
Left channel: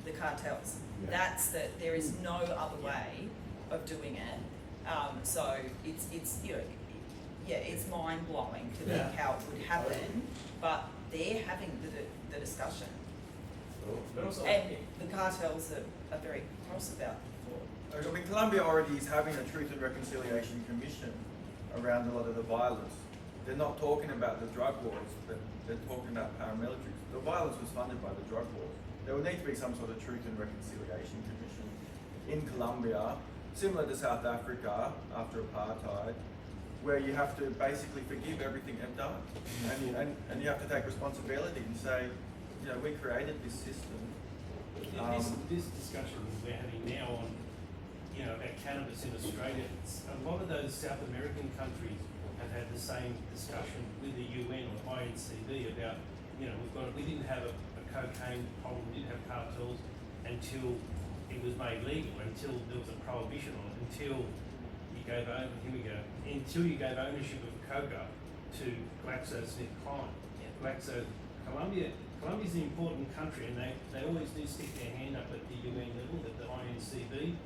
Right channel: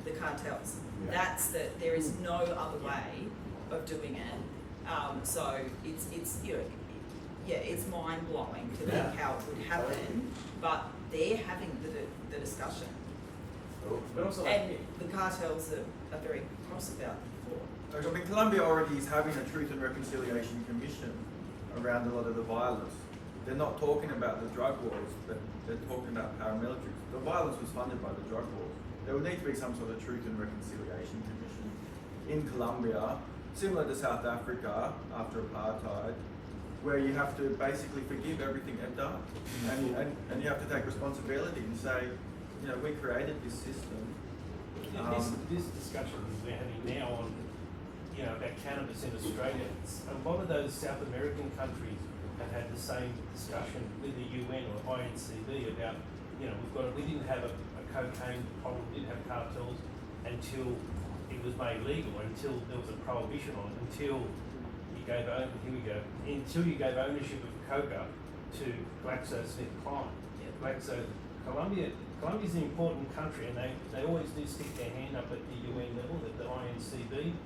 the cartels. Yeah. That's there is no other way of doing it. So it's you know, yeah, it's mind blowing to think how it would happen, but they're having the discussion. But also, And the cartels are very cross about it before. I mean, Colombia already is having a Truth and Reconciliation Commission around a lot of the violence. They're not talking about the drug wars, but they're talking about paramilitaries. The violence was funded by the drug wars. There would need to be some sort of Truth and Reconciliation Commission in Colombia, similar to South Africa after apartheid, where you have to basically forgive everything they've done, and you have to take responsibility and say, you know, we created this system. This discussion we're having now on, you know, about cannabis in Australia, a lot of those South American countries have had the same discussion with the UN or INCB about, you know, we didn't have a cocaine problem, we didn't have cartels until it was made legal, until there was a prohibition on it, until you gave ownership of coca to GlaxoSmithKline. Colombia's an important country, and they always do stick their hand up at the UN level, at the INCB,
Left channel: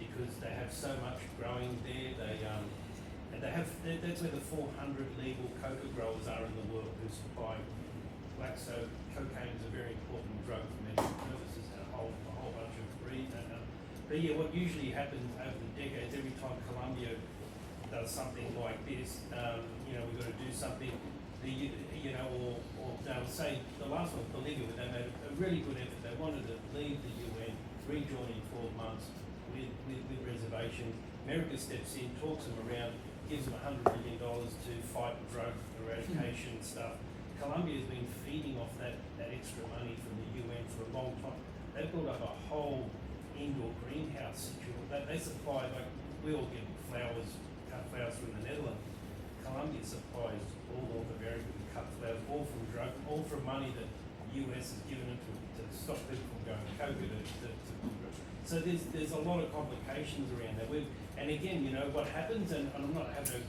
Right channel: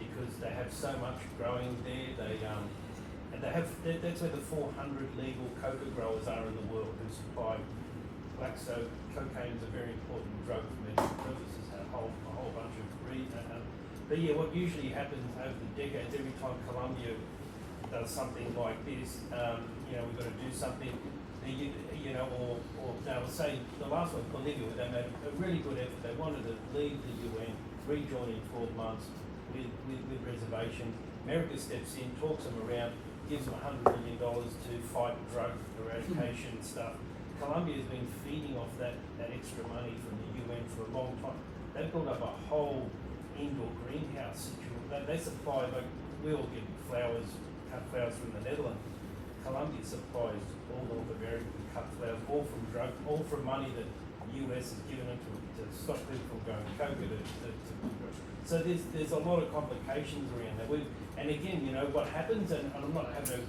because they have so much growing there. That's where the 400 legal coca growers are in the world who supply Glaxo. Cocaine is a very important drug for medical purposes, a whole bunch of reasons. But yeah, what usually happens over the decades, every time Colombia does something like this, you know, we've got to do something. You know, or they'll say the last one, Bolivia, they made a really good effort. They wanted to leave the UN, rejoin in 12 months with reservation. America steps in, talks them around, gives them $100 million to fight drug eradication and stuff. Colombia has been feeding off that extra money from the UN for a long time. They've built up a whole indoor greenhouse situation. They supply, like, we all get flowers, cut flowers from the Netherlands. Colombia supplies all of the very good cut flowers, all from money that the US has given them to stop people from going to coca. So there's a lot of complications around it. And again, you know, what happens, and I'm not having a,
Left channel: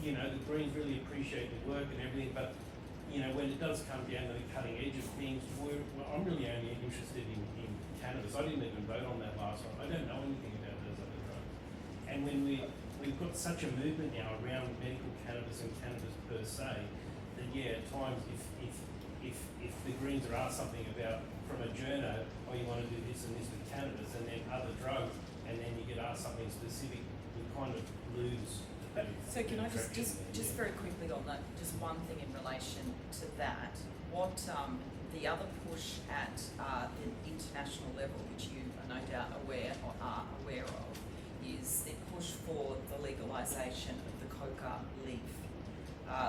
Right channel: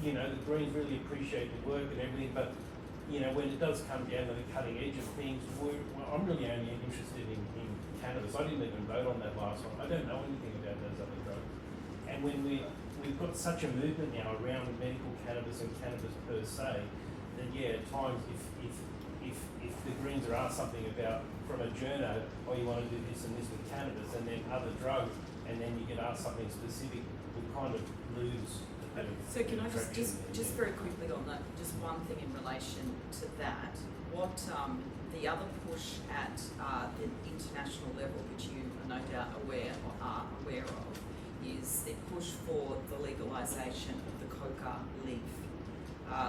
you know, the Greens really appreciate the work and everything, but, you know, when it does come down to the cutting edge of things, I'm really only interested in cannabis. I didn't even vote on that last one. I don't know anything about those other drugs. And when we've got such a movement now around medical cannabis and cannabis per se, that yeah, at times if the Greens are asked something about from a journo, oh, you want to do this and this with cannabis, and then other drugs, and then you get asked something specific, we kind of lose. So can I just very quickly on that, just one thing in relation to that, what the other push at the international level, which you are no doubt aware of, is the push for the legalisation of the coca leaf.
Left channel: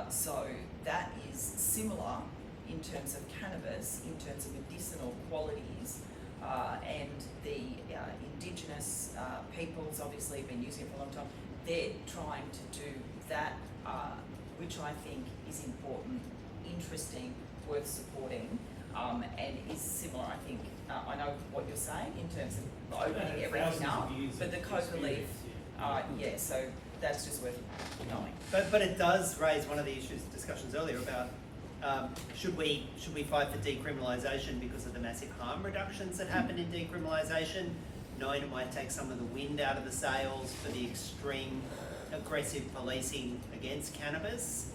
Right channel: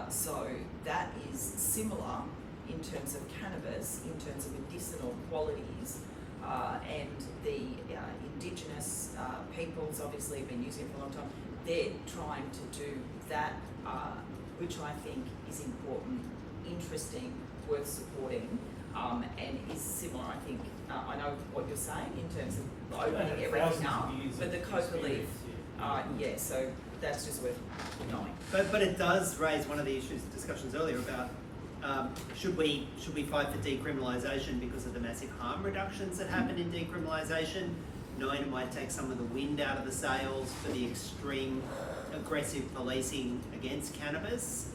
So that is similar in terms of cannabis, in terms of medicinal qualities, and the indigenous peoples obviously have been using it for a long time. They're trying to do that, which I think is important, interesting, worth supporting, and is similar, I think. I know what you're saying in terms of opening everything up, but the coca leaf, yeah, so that's just worth knowing. But it does raise one of the discussions earlier about should we fight for decriminalisation because of the massive harm reductions that happen in decriminalisation, knowing it might take some of the wind out of the sails for the extreme aggressive policing against cannabis.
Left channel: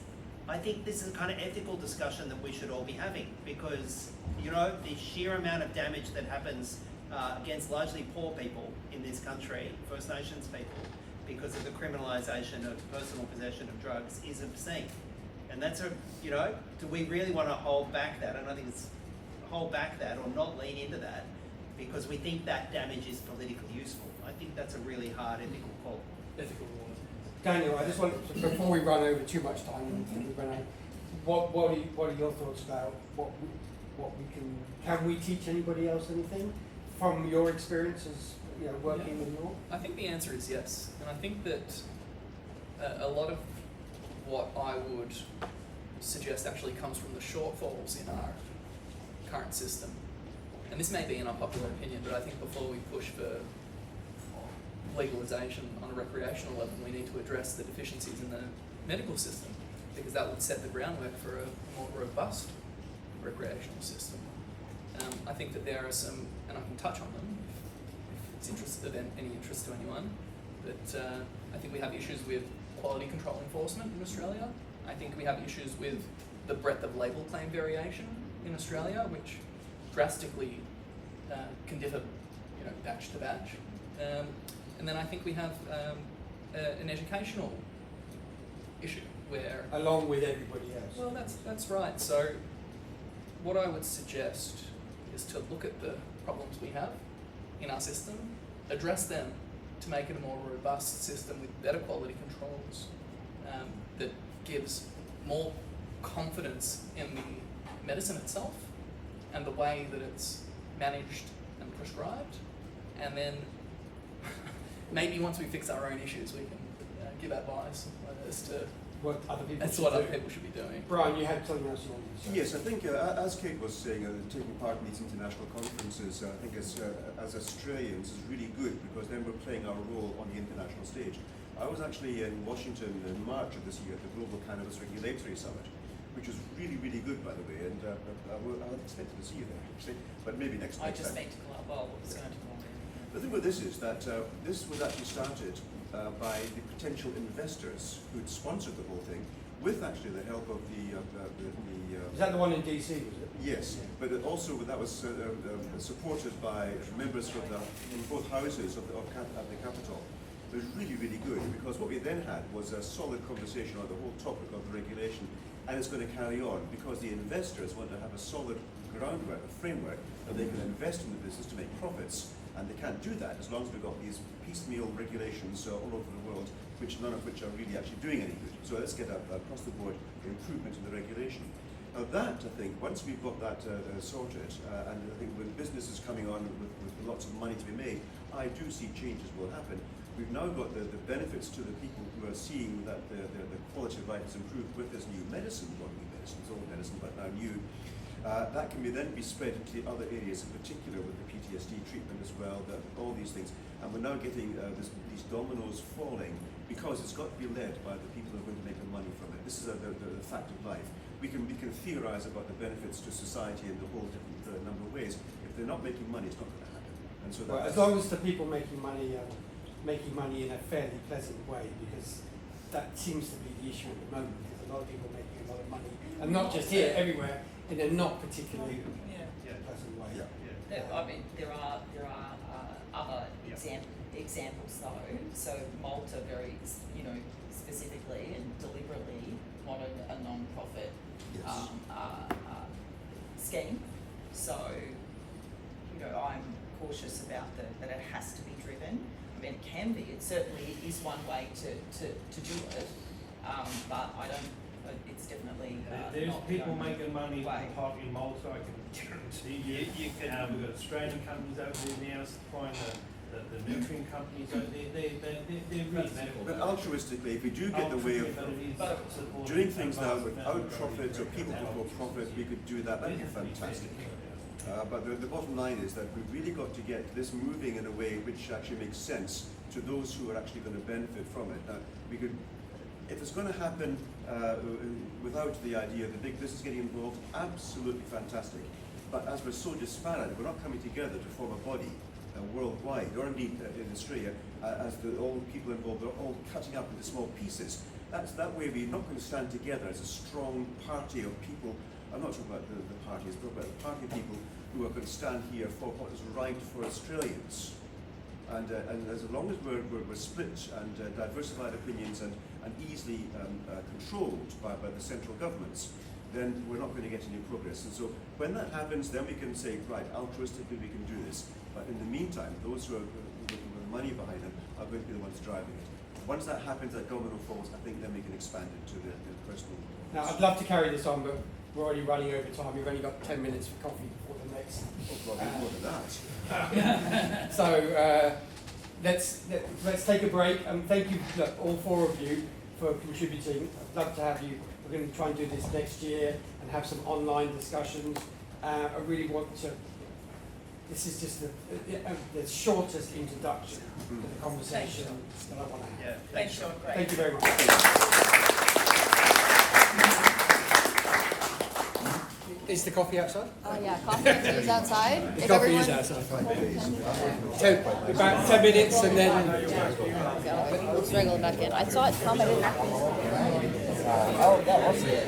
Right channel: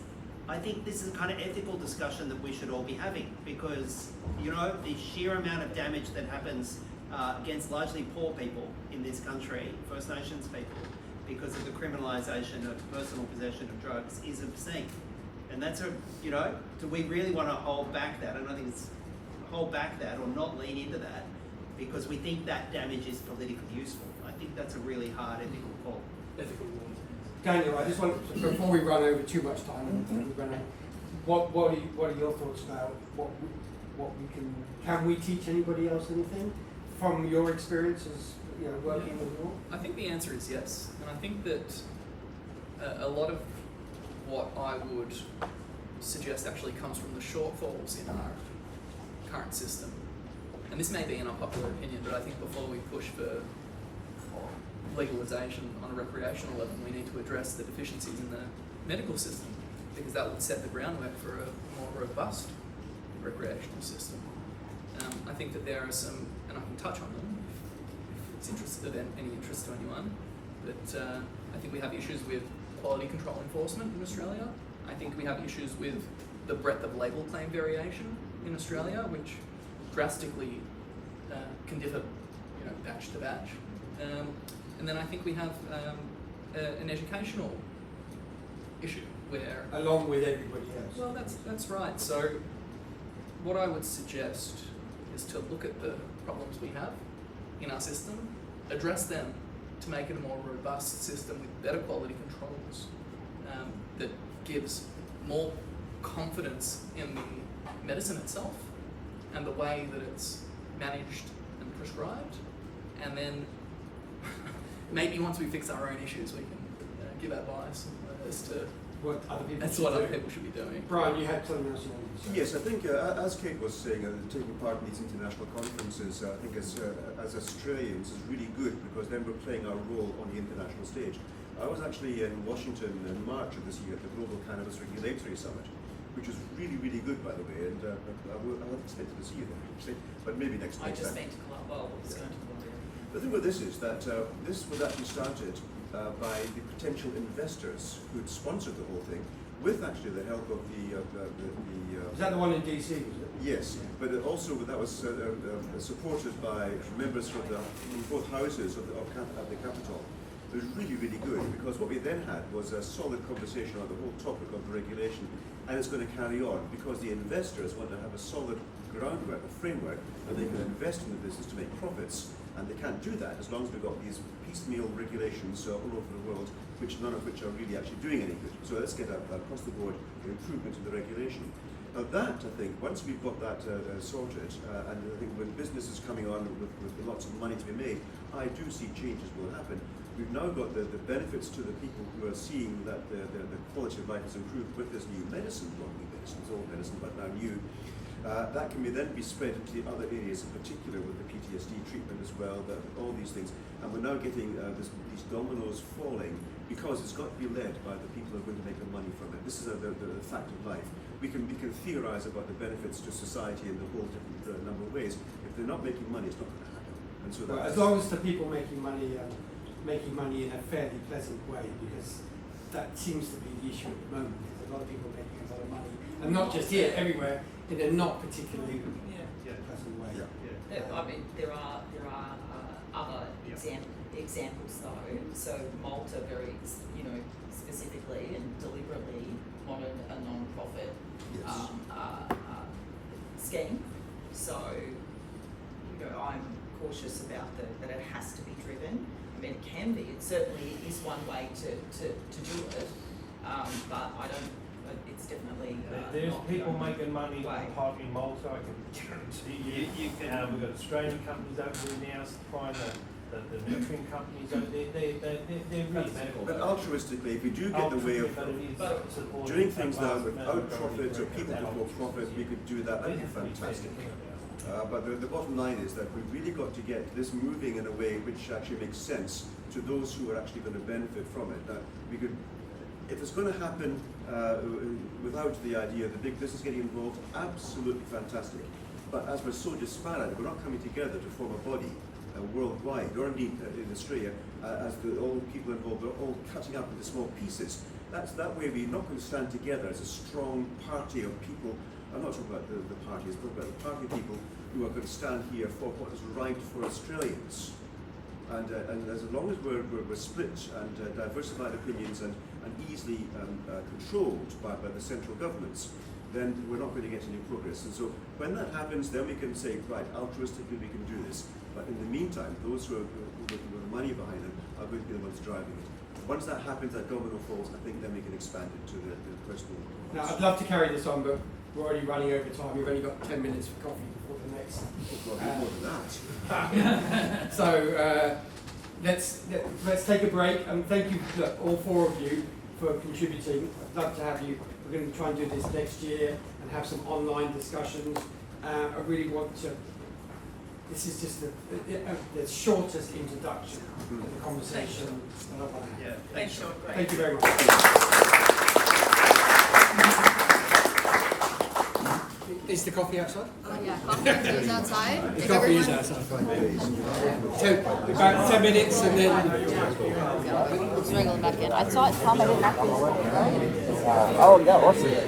I think this is a kind of ethical discussion that we should all be having, because, you know, the sheer amount of damage that happens against largely poor people in this country, First Nations people, because of the criminalisation of personal possession of drugs is obscene. And that's you know, do we really want to hold back that? And I think it's hold back that or not lean into that because we think that damage is politically useful. I think that's a really hard ethical call. Ethical law. Daniel, I just want to, before we run over too much time, what are your thoughts about what we can we teach anybody else anything from your experiences, you know, working with law? I think the answer is yes, and I think that a lot of what I would suggest actually comes from the shortfalls in our current system. And this may be an unpopular opinion, but I think before we push for legalisation on a recreational level, we need to address the deficiencies in the medical system, because that would set the groundwork for a more robust recreational system. I think that there are some, and I can touch on them if it's of any interest to anyone, but I think we have issues with quality control enforcement in Australia. I think we have issues with the breadth of label claim variation in Australia, which drastically can differ, you know, batch to batch. And then I think we have an educational issue where, along with everybody else. well, that's right. So what I would suggest is to look at the problems we have in our system, address them to make it a more robust system with better quality controls that gives more confidence in the medicine itself and the way that it's managed and prescribed. And then maybe once we fix our own issues, we can give advice as to what other people should be doing. Brian, you had something else you wanted to say? Yes, I think as Kate was saying, taking part in these international conferences, I think as Australians is really good, because then we're playing our role on the international stage. I was actually in Washington in March of this year at the Global Cannabis Regulatory Summit, which was really, really good, by the way, and I had expected to see you there, actually, but maybe next time. I just meant to come up, well, it's going to Colombia. The thing with this is that this was actually started by the potential investors who'd sponsored the whole thing, with actually the help of the Is that the one in DC, was it? yes, but it also that was supported by members from both houses of the Capitol. It was really, really good, because what we then had was a solid conversation on the whole topic of the regulation, and it's going to carry on because the investors want to have a solid groundwork, a framework that they can invest in the business to make profits, and they can't do that as long as we've got these piecemeal regulations all over the world, none of which are really actually doing any good. So let's get across the board improvement in the regulation. Now that, I think, once we've got that sorted, and I think when business is coming on with lots of money to be made, I do see changes will happen. we've now got the benefits to the people who are seeing that the quality of life is improved with this new medicine, not new medicine, it's old medicine, but now new. That can then be spread into the other areas, in particular with the PTSD treatment as well, all these things. And we're now getting these dominoes falling because it's got to be led by the people who are going to make the money from it. This is the fact of life. We can theorize about the benefits to society in a whole different number of ways. If they're not making money, it's not going to happen. And so well, as long as the people making money in a fairly pleasant way, because that seems to be the issue at the moment. There's a lot of people making a lot of money, and not just here, everywhere, in a not particularly pleasant way. I mean, there are other examples though. So Malta very, specifically and deliberately honoured a non-profit scheme. So, I'm cautious about that it has to be driven. I mean, it can be. It certainly is one way to do it, but I don't. It's definitely there's not people the only making money way. in Malta. I can guarantee you. We've got Australian companies over there now supplying the nurturing companies over there. They're really But altruistically, if we do get the way of doing things now without profit or people before profit, we could do that. That'd be fantastic. But the bottom line is that we've really got to get this moving in a way which actually makes sense to those who are actually going to benefit from it. That we could, if it's going to happen without the idea of the big business getting involved, absolutely fantastic. But as we're so disparate, we're not coming together to form a body worldwide, or indeed in Australia, as all the people involved are all cutting up into small pieces. That way we're not going to stand together as a strong party of people. I'm not talking about the parties, but about the party of people who are going to stand here for what is right for Australians. And as long as we're split and diversified opinions and easily controlled by the central governments, then we're not going to get any progress. And so when that happens, then we can say, right, altruistically we can do this. But in the meantime, those who are with the money behind them are going to be the ones driving it. Once that happens, that domino falls, I think then we can expand it to the personal. Now, I'd love to carry this on, but we're already running over time. We've only got 10 minutes for coffee before the next. Oh, God, more than that. So let's take a break. Thank you, all four of you, for contributing. I'd love to have you. We're going to try and do this next year and have some online discussions. I really want to. This is just the shortest introduction to the conversation that I want to have. Thanks, Sean. Great. Thank you very much. Is the coffee outside? Yeah, coffee is outside. The If coffee everyone, is outside. So about 10 minutes and then. let's wriggle it back in. I saw it come. Oh, that was it.